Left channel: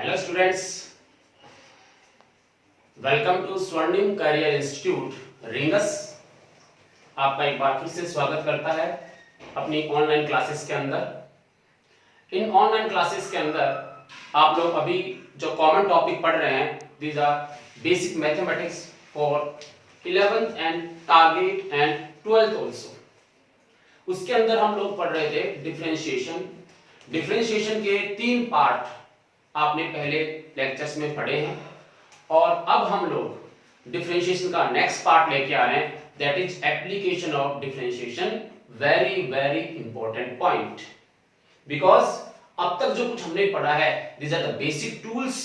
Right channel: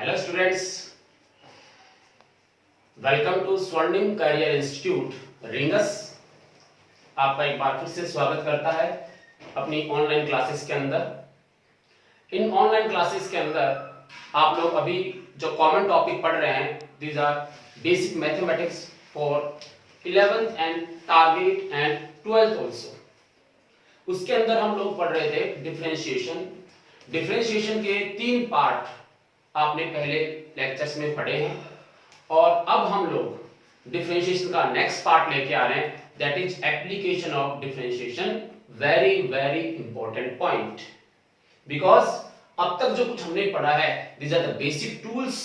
Hello students, welcome to स्वर्णिम career institute rings. आपका एक बार फिर से स्वागत करता है अपनी ऑनलाइन क्लासेस के अंदर। इन ऑनलाइन क्लासेस के अंदर आप लोग अभी जो कॉमन टॉपिक पढ़ रहे हैं, these are basic mathematics for 11th and target and 12th also. उसके अंदर हम लोग पढ़ रहे थे डिफरेंशिएशन। डिफरेंशिएशन के 3 पार्ट आपने पहले लेक्चर्स में पढ़े हैं और अब हम लोग डिफरेंशिएशन का नेक्स्ट पार्ट लेके आ रहे हैं, that is application of differentiation. Very very important point, because अब तक जो कुछ हमने पढ़ा है, these are the basic tools.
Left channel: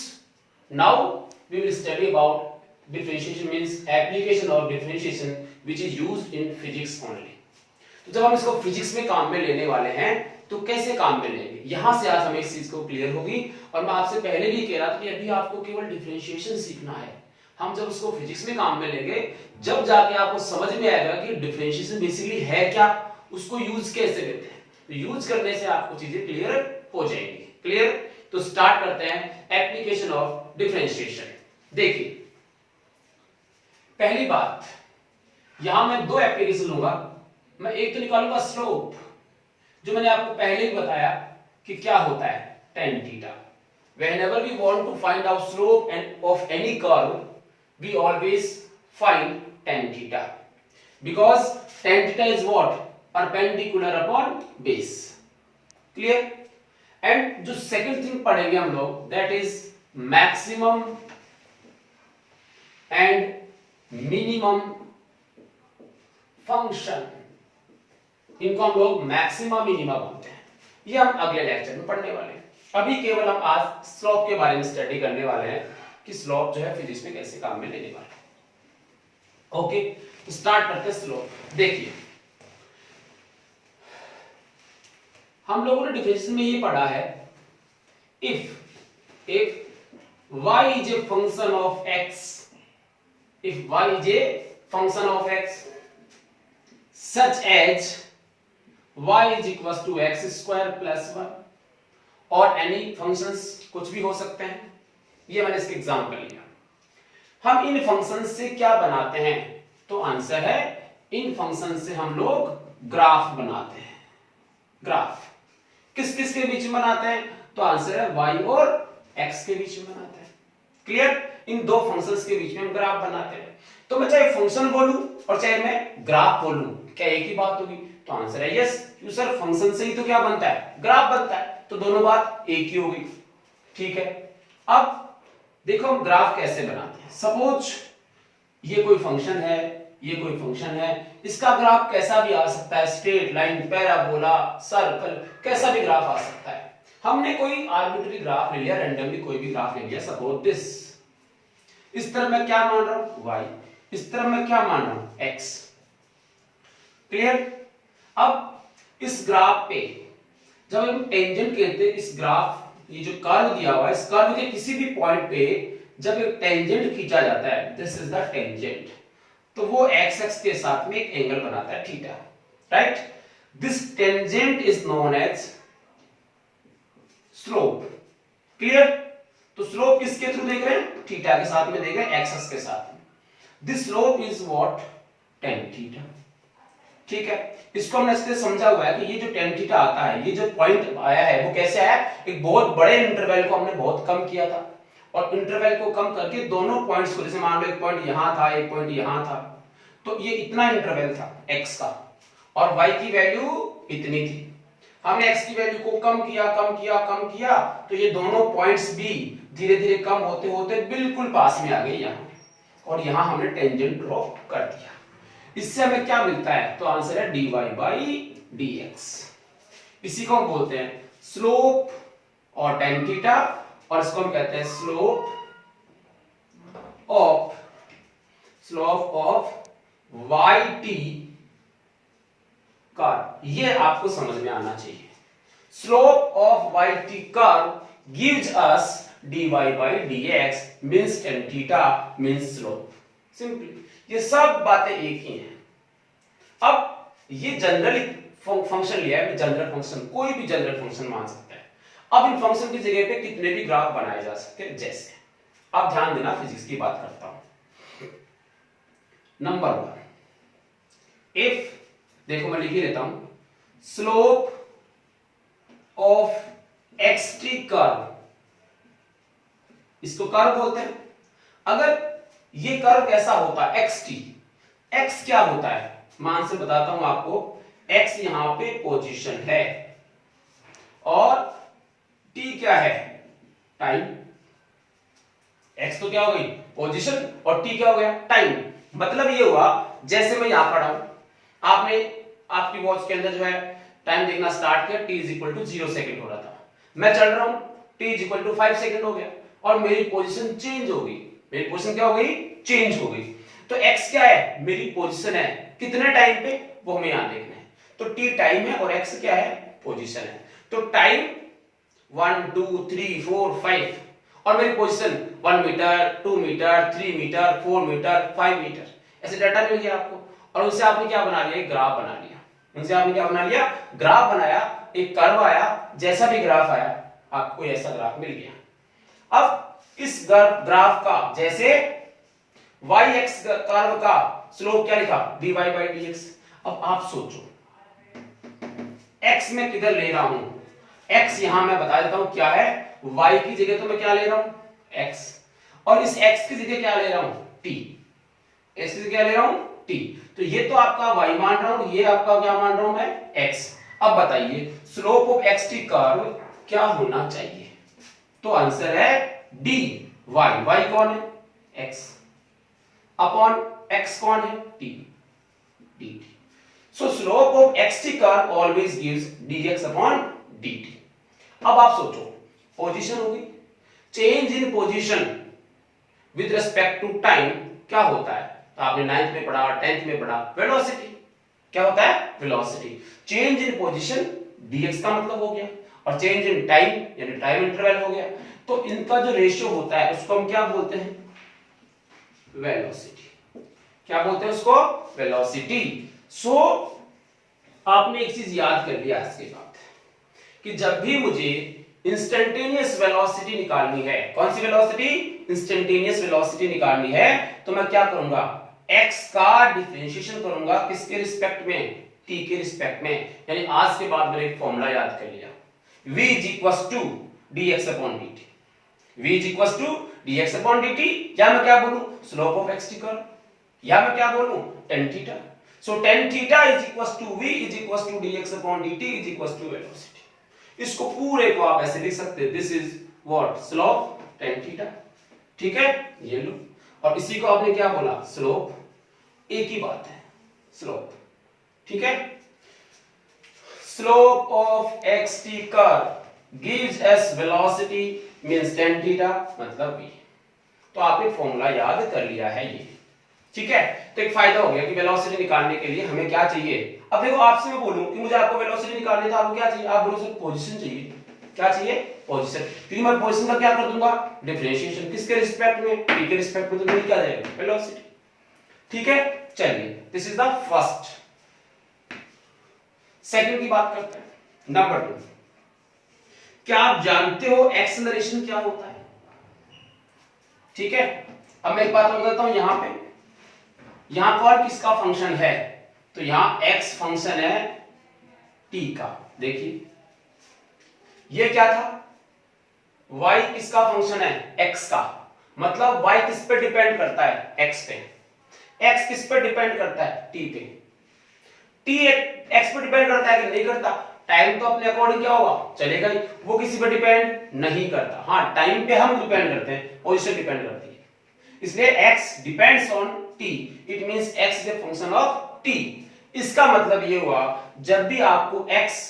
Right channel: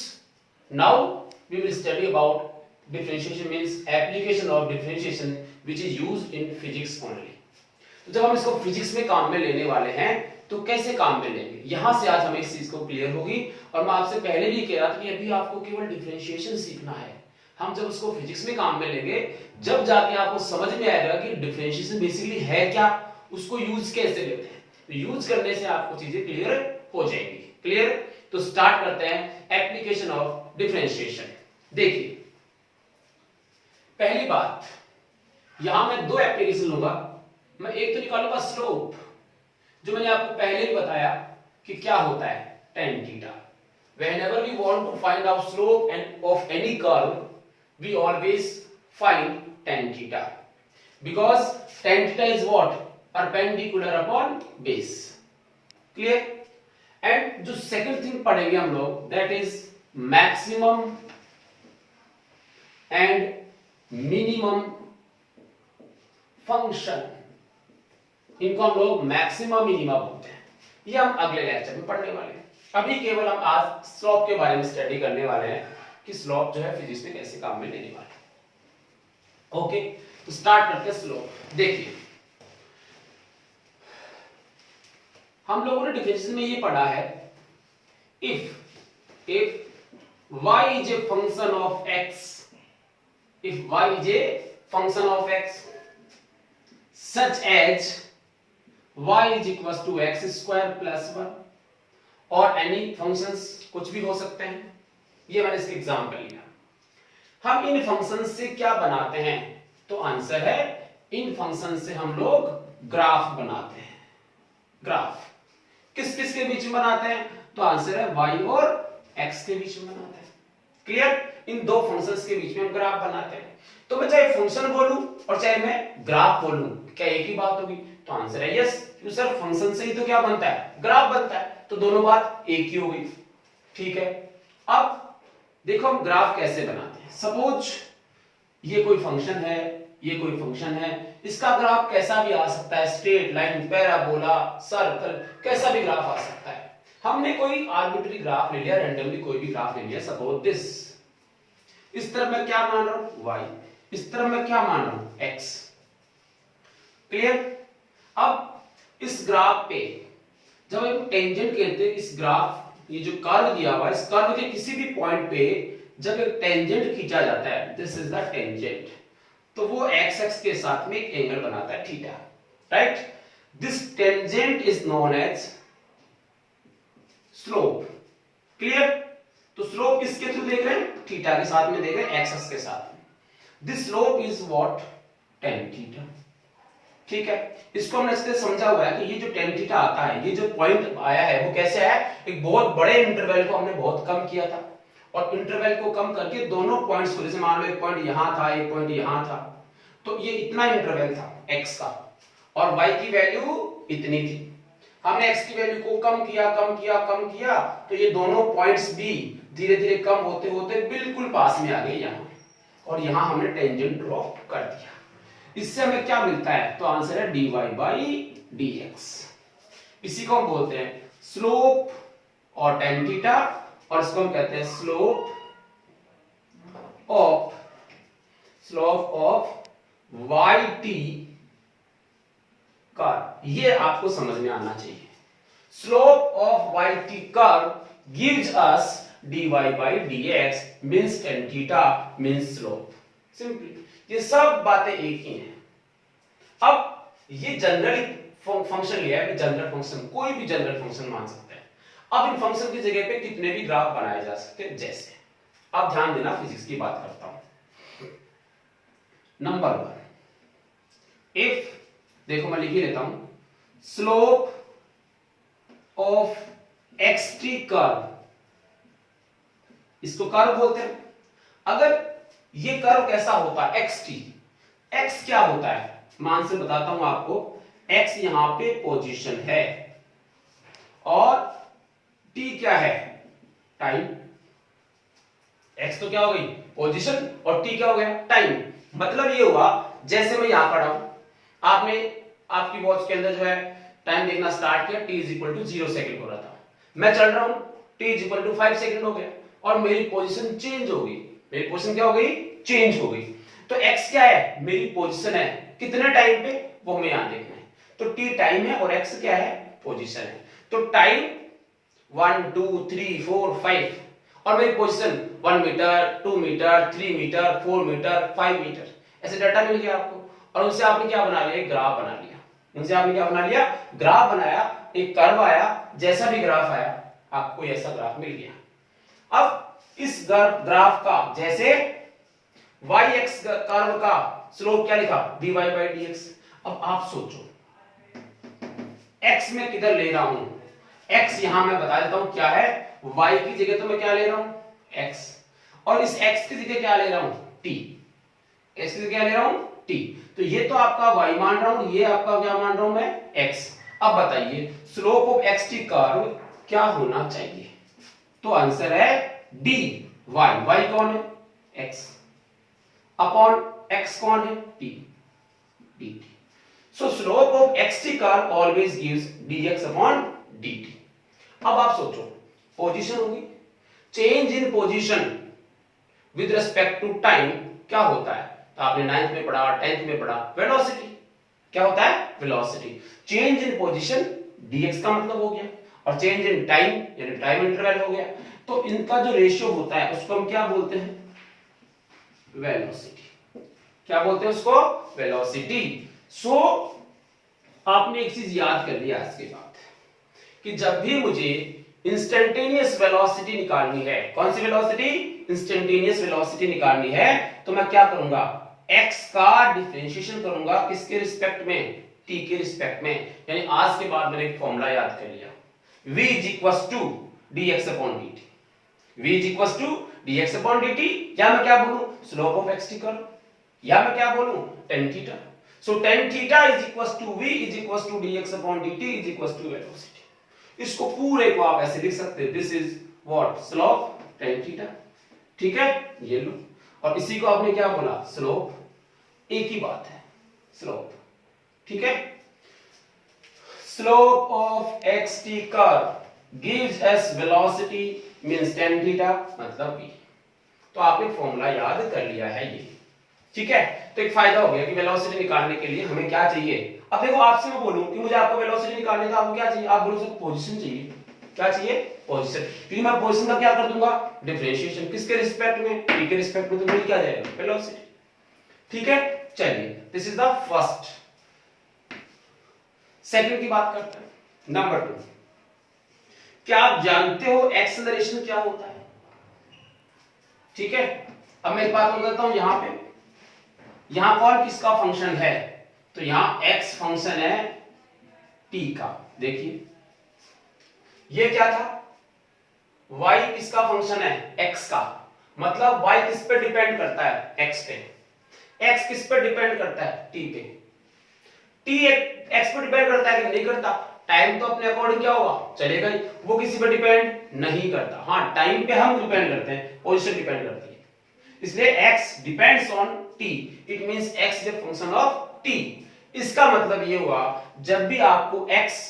Now we will study about differentiation means application of differentiation which is used in physics only. तो जब हम इसको फिजिक्स में काम में लेने वाले हैं तो कैसे काम में लेंगे, यहां से आज हमें इस चीज को क्लियर होगी। और मैं आपसे पहले भी कह रहा था कि अभी आपको केवल डिफरेंशिएशन सीखना है। हम जब उसको फिजिक्स में काम में लेंगे, जब जाके आपको समझ में आएगा कि डिफरेंशिएशन बेसिकली है क्या, उसको यूज कैसे लेते हैं, तो यूज करने से आपको चीजें क्लियर हो जाएंगी। क्लियर? तो स्टार्ट करते हैं एप्लीकेशन ऑफ डिफरेंशिएशन। देखिए, पहली बात, यहां मैं 2 एप्लीकेशन लूंगा। मैं एक तो निकालूंगा स्लोप, जो मैंने आपको पहले ही बताया कि क्या होता है, tan theta. Whenever we want to find out slope and of any curve, we always find tan theta, because tan theta is what? Perpendicular upon base. Clear? And जो second thing पढ़ेंगे हम लोग, that is maximum and minimum function। इनको हम लोग maxima minima बोलते हैं। ये हम अगले लेक्चर में पढ़ने वाले हैं। अभी केवल हम आज स्लोप के बारे में स्टडी करने वाले हैं कि स्लोप जो है फिजिक्स में कैसे काम में लेने वाले हैं। ओके, तो स्टार्ट करते हैं स्लोप। देखिए, हम लोगों ने डिफरेंशिएशन में ये पढ़ा है, if y is a function of x, if y is a function of x such as y is equals to x square plus 1 और एनी फंक्शंस कुछ भी हो सकते हैं। ये मैंने इसके एग्जांपल लिया। हम इन फंक्शंस से क्या बनाते हैं, तो आंसर है इन फंक्शंस से हम लोग ग्राफ बनाते हैं। ग्राफ किस किस के बीच में बनाते हैं, तो आंसर है y और x के बीच में बनाते हैं। क्लियर? इन 2 फंक्शंस के बीच में हम ग्राफ बनाते हैं। तो मैं चाहे फंक्शन बोलूं और चाहे मैं ग्राफ बोलूं, क्या एक ही बात होगी? तो आंसर है यस, क्यों सर, फंक्शन से ही तो क्या बनता है, ग्राफ बनता है, तो दोनों बात एक ही होगी। ठीक है, अब देखो हम ग्राफ कैसे बनाते हैं। सपोज ये कोई फंक्शन है, ये कोई फंक्शन है, इसका ग्राफ कैसा भी आ सकता है, स्ट्रेट लाइन, पैराबोला, सर्कल, कैसा भी ग्राफ आ सकता है। हमने कोई आर्बिट्री ग्राफ ले लिया, रैंडमली कोई भी ग्राफ ले लिया, सपोज दिस। इस तरफ मैं क्या मान रहा हूं, y, इस तरफ मैं क्या मान रहा हूं, x। क्लियर? अब इस ग्राफ पे जब हम टेंजेंट कहते हैं, इस ग्राफ, ये जो कर्व दिया हुआ है, इस कर्व के किसी भी पॉइंट पे जब एक टेंजेंट खींचा जाता है, दिस इज द टेंजेंट, तो वो x एक्स के साथ में एक एंगल बनाता है, theta. Right? This tangent is known as slope. Clear? तो स्लोप किसके थ्रू देख रहे हैं, थीटा के साथ में देख रहे हैं, x एक्स के साथ में। This slope is what, tan theta. ठीक है, इसको हमने इससे समझा हुआ है कि ये जो tan थीटा आता है, ये जो पॉइंट आया है, वो कैसे आया, एक बहुत बड़े इंटरवल को हमने बहुत कम किया था, और इंटरवल को कम करके दोनों पॉइंट्स को, जैसे मान लो एक पॉइंट यहां था, एक पॉइंट यहां था, तो ये इतना इंटरवल था x का, और y की वैल्यू इतनी थी। हमने x की वैल्यू को कम किया, कम किया, कम किया, तो ये दोनों पॉइंट्स भी धीरे धीरे कम होते होते बिल्कुल पास में आ गए यहां, और यहां हमने टेंजेंट ड्रॉ कर दिया। इससे हमें क्या मिलता है, तो आंसर है dy बाई dx। इसी को हम बोलते हैं स्लोप और tan थीटा, और इसको हम कहते हैं स्लोप ऑफ yt कर्व। ये आपको समझ में आना चाहिए। Slope of yt curve gives us dy by dx means tan theta means slope. Simply ये सब बातें एक ही हैं। अब ये जनरल फंक्शन लिया है, जनरल फंक्शन, कोई भी जनरल फंक्शन मान सकते हैं। अब इन फंक्शन की जगह पे कितने भी ग्राफ बनाए जा सकते हैं। जैसे अब ध्यान देना, फिजिक्स की बात करता हूं। नंबर 1, इफ, देखो मैं लिख ही लेता हूं, स्लोप ऑफ एक्सटी कर्व, इसको कर्व बोलते हैं। अगर ये कर्व कैसा होता है, एक्सटी, एक्स क्या होता है, मैं आंसर बताता हूं आपको। एक्स यहां पे पोजीशन है और टी क्या है, टाइम। एक्स तो क्या हो गई, पोजीशन, और टी क्या हो गया, टाइम। मतलब ये हुआ, जैसे मैं यहां खड़ा हूं, आपने आपकी वॉच के अंदर जो है टाइम देखना स्टार्ट किया, t is equal to 0 second हो रहा था, मैं चल रहा हूं, t is equal to 5 second हो गया और मेरी पोजीशन चेंज हो गई। मेरी पोजीशन क्या हो गई, चेंज हो गई। तो x क्या है, मेरी पोजीशन है, कितने टाइम पे, वो हमें यहां देखना है। तो t टाइम है और x क्या है, पोजीशन है। तो टाइम 1 2 3 4 5 और मेरी position 1 metre 2 metre 3 metre 4 metre 5 metre, ऐसे डाटा मिल गया आपको। और उनसे आपने क्या बना लिया, एक ग्राफ बना लिया। उनसे आपने क्या बना लिया, ग्राफ बनाया, एक कर्व आया, जैसा भी ग्राफ आया आपको ऐसा ग्राफ मिल गया। अब इस ग्राफ का, जैसे y x कर्व का स्लोप क्या लिखा, dy बाई dx। अब आप सोचो, x में किधर ले रहा हूं, x यहां मैं बता देता हूं क्या है, y की जगह तो मैं क्या ले रहा हूं, x, और इस x की जगह क्या ले रहा हूं, t, x की जगह क्या ले रहा हूं, t। तो ये तो आपका y मान रहा हूं, ये आपका क्या मान रहा हूं मैं, x। अब बताइए स्लोप ऑफ xt कर्व क्या होना चाहिए, तो आंसर है dy, y कौन है, x, अपॉन x कौन है, t, dt। So slope of xt curve always gives dx upon dt। अब आप सोचो, पोजीशन होगी, change in position with respect to time क्या होता है, तो आपने 9th में पढ़ा, 10th में पढ़ा, वेलोसिटी। क्या होता है, velocity. Change in position dx का मतलब हो गया, और चेंज इन टाइम यानी टाइम इंटरवल हो गया। तो इनका जो रेशियो होता है उसको हम क्या बोलते हैं, वेलोसिटी। क्या बोलते हैं उसको, वेलोसिटी। सो आपने एक चीज याद कर लिया आज के बाद, कि जब भी मुझे इंस्टेंटेनियस वेलोसिटी निकालनी है, कौन सी वेलोसिटी, इंस्टेंटेनियस वेलोसिटी निकालनी है, तो मैं क्या करूंगा, x का डिफरेंशिएशन करूंगा, किसके रिस्पेक्ट में, t के रिस्पेक्ट में। यानी आज के बाद मैंने एक फॉर्मूला याद कर लिया, v is equal to dx upon dt, v is equal to dx upon dt, या मैं क्या बोलूं, स्लोप ऑफ xt कर्व, या मैं क्या बोलूं, tan theta. So tan theta is equal to v is equal to dx upon dt is equal to velocity. इसको पूरे को आप ऐसे लिख सकते हैं, this is what, slope tan theta. ठीक है, ये लो, और इसी को आपने क्या बोला, स्लोप, एक ही बात है, स्लोप। ठीक है, slope of xt curve gives us velocity means tan theta मतलब v। तो आपने फॉर्मूला याद कर लिया है ये। ठीक है, तो एक फायदा हो गया कि वेलोसिटी निकालने के लिए हमें क्या चाहिए। अब देखो आपसे मैं बोलूं कि मुझे आपको वेलोसिटी निकालनी है, तो आपको क्या चाहिए, आप बोलो सर पोजीशन चाहिए। क्या चाहिए, पोजीशन, क्योंकि मैं पोजीशन का क्या कर दूंगा, डिफरेंशिएशन, किसके रिस्पेक्ट में, t के रिस्पेक्ट में, तो मिल क्या जाएगा, वेलोसिटी। ठीक है, चलिए this is the first. Second की बात करते हैं, नंबर 2। क्या आप जानते हो एक्सेलरेशन क्या होता है। ठीक है, अब मैं एक बात बता देता हूं, यहां पे, यहां कौन किसका फंक्शन है, तो यहां x फंक्शन है t का। देखिए ये क्या था, y किसका फंक्शन है, x का, मतलब y किस पे डिपेंड करता है, x पे, x किस पे डिपेंड करता है, t पे, t x पे डिपेंड करता है कि नहीं करता, टाइम तो अपने अकॉर्डिंग क्या होगा, चलेगा ही, वो किसी पे डिपेंड नहीं करता। हाँ, टाइम पे हम डिपेंड करते हैं, पोजीशन डिपेंड करती है, इसलिए x depends on t, it means x is a function of t। इसका मतलब ये हुआ, जब भी आपको x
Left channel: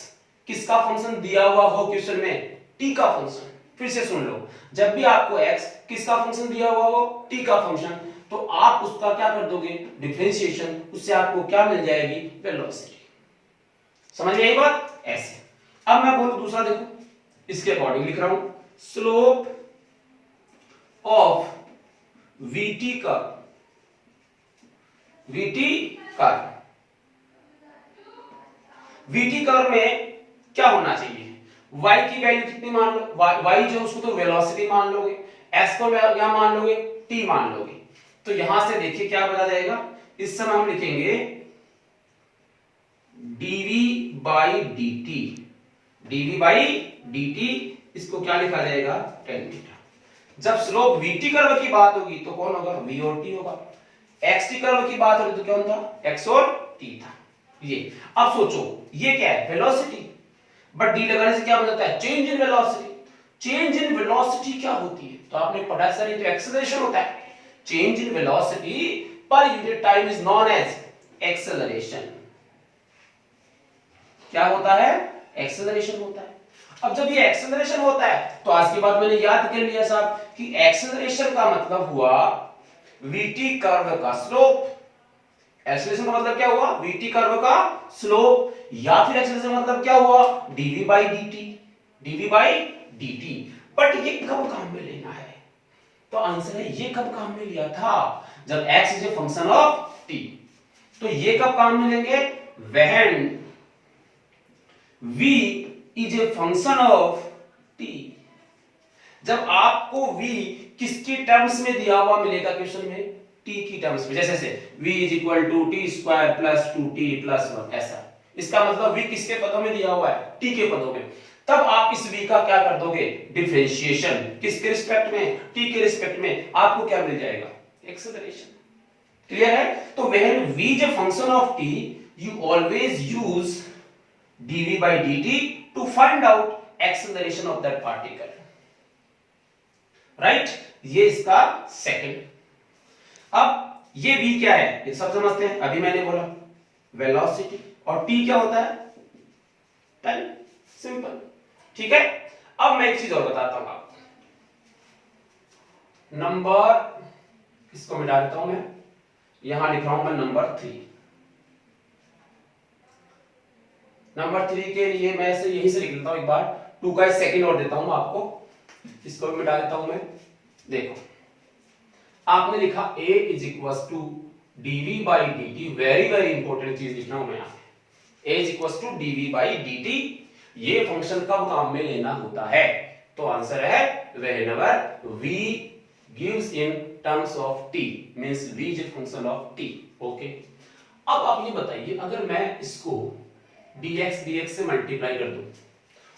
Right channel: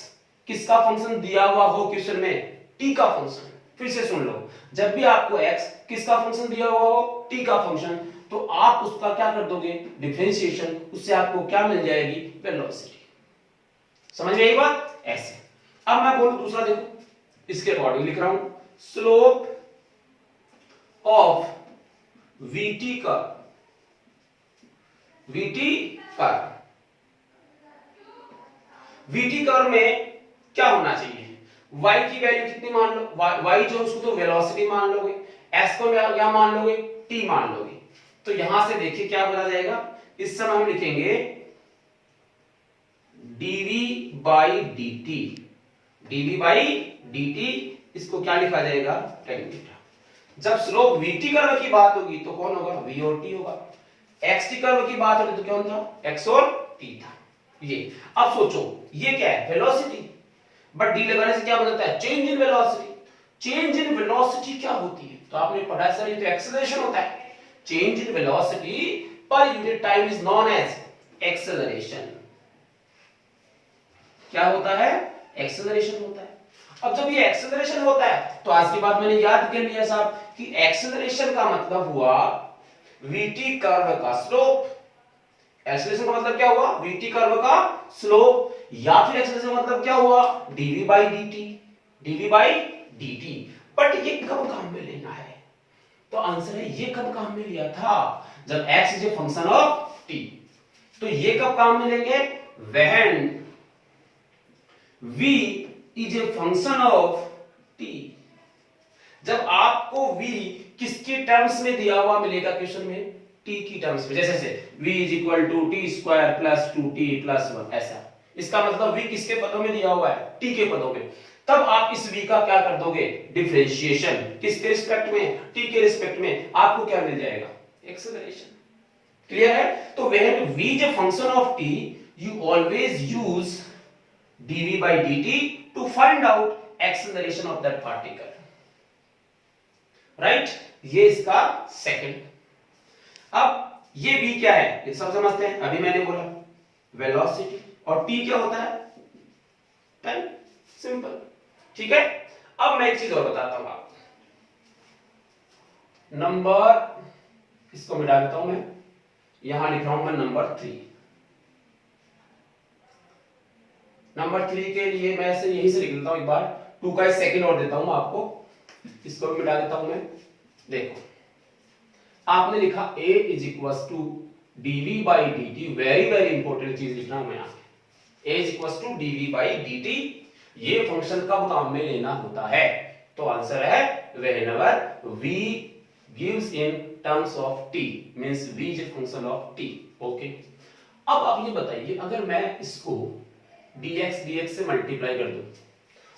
किसका फंक्शन दिया हुआ हो क्वेश्चन में, t का फंक्शन, फिर से सुन लो, जब भी आपको x किसका फंक्शन दिया हुआ हो, t का फंक्शन, तो आप उसका क्या कर दोगे, डिफरेंशिएशन, उससे आपको क्या मिल जाएगी, वेलोसिटी। समझ में आई बात, ऐसे। अब मैं बोलूं दूसरा, देखो इसके अकॉर्डिंग लिख रहा हूं, slope of vt curve, vt curve, vt curve में क्या होना चाहिए, y की वैल्यू कितनी मान लो, y जो उसको तो वेलोसिटी मान लोगे, s को क्या मान लोगे, t मान लोगे। तो यहां से देखिए क्या बता जाएगा, इस समय हम लिखेंगे dv by dt, dv by dt, इसको क्या लिखा जाएगा, tan थीटा। जब स्लोप vt कर्व की बात होगी तो कौन होगा, v और t होगा। xt कर्व की बात होगी तो क्या होता, x और t था। ये अब सोचो ये क्या है, वेलोसिटी, बट डी लगाने से क्या बन जाता है, change in velocity. Change in velocity क्या होती है, तो आपने पढ़ा सर ये तो एक्सेलरेशन होता है। Change in velocity per unit time is known as acceleration. क्या होता है, एक्सेलरेशन होता है। अब जब ये एक्सेलरेशन होता है तो आज की बात मैंने याद कर लिया साहब कि एक्सेलरेशन का मतलब हुआ वीटी कर्व का स्लोप। एक्सेलरेशन का मतलब क्या हुआ, वीटी कर्व का स्लोप, या फिर एक्सेलरेशन का मतलब क्या हुआ, dv by dt, dv by dt. But ये कब काम में लेना है, तो आंसर है ये कब काम में लिया था, जब x is a function of t। तो ये कब काम में लेंगे, when v is a function of t। जब आपको v किसके टर्म्स में दिया हुआ मिलेगा क्वेश्चन में, t की टर्म्स में, जैसे v is equal to t square plus 2t plus 1, ऐसा। इसका मतलब v किसके पदों में दिया हुआ है, t के पदों में। तब आप इस v का क्या कर दोगे, डिफरेंशिएशन, किसके रिस्पेक्ट में, t के रिस्पेक्ट में, आपको क्या मिल जाएगा, एक्सेलरेशन। क्लियर है। तो when v is a function of t, you always use dv by dt to find out acceleration of that particle, right. ये इसका सेकंड। अब ये v क्या है, ये सब समझते हैं। अभी मैंने बोला वेलोसिटी, और t क्या होता है, टाइम, सिंपल, ठीक है। अब मैं एक चीज और बताता हूं आपको, नंबर, इसको मिटा देता हूं मैं, यहां लिख रहा हूं मैं नंबर 3। नंबर 3 के लिए मैं ऐसे यहीं से लिख लेता हूं, एक बार 2 का सेकंड और देता हूं आपको, इसको भी मिटा देता हूं मैं। देखो आपने लिखा a is equal to dv by dt, very very important चीज लिखना हूं मैं यहां पे, a is equal to dv by dt। ये फंक्शन कब काम में लेना होता है, तो आंसर है whenever v gives in terms of t, means v is a function of t, okay. अब आप ये बताइए, अगर मैं इसको dx से मल्टीप्लाई कर दूं,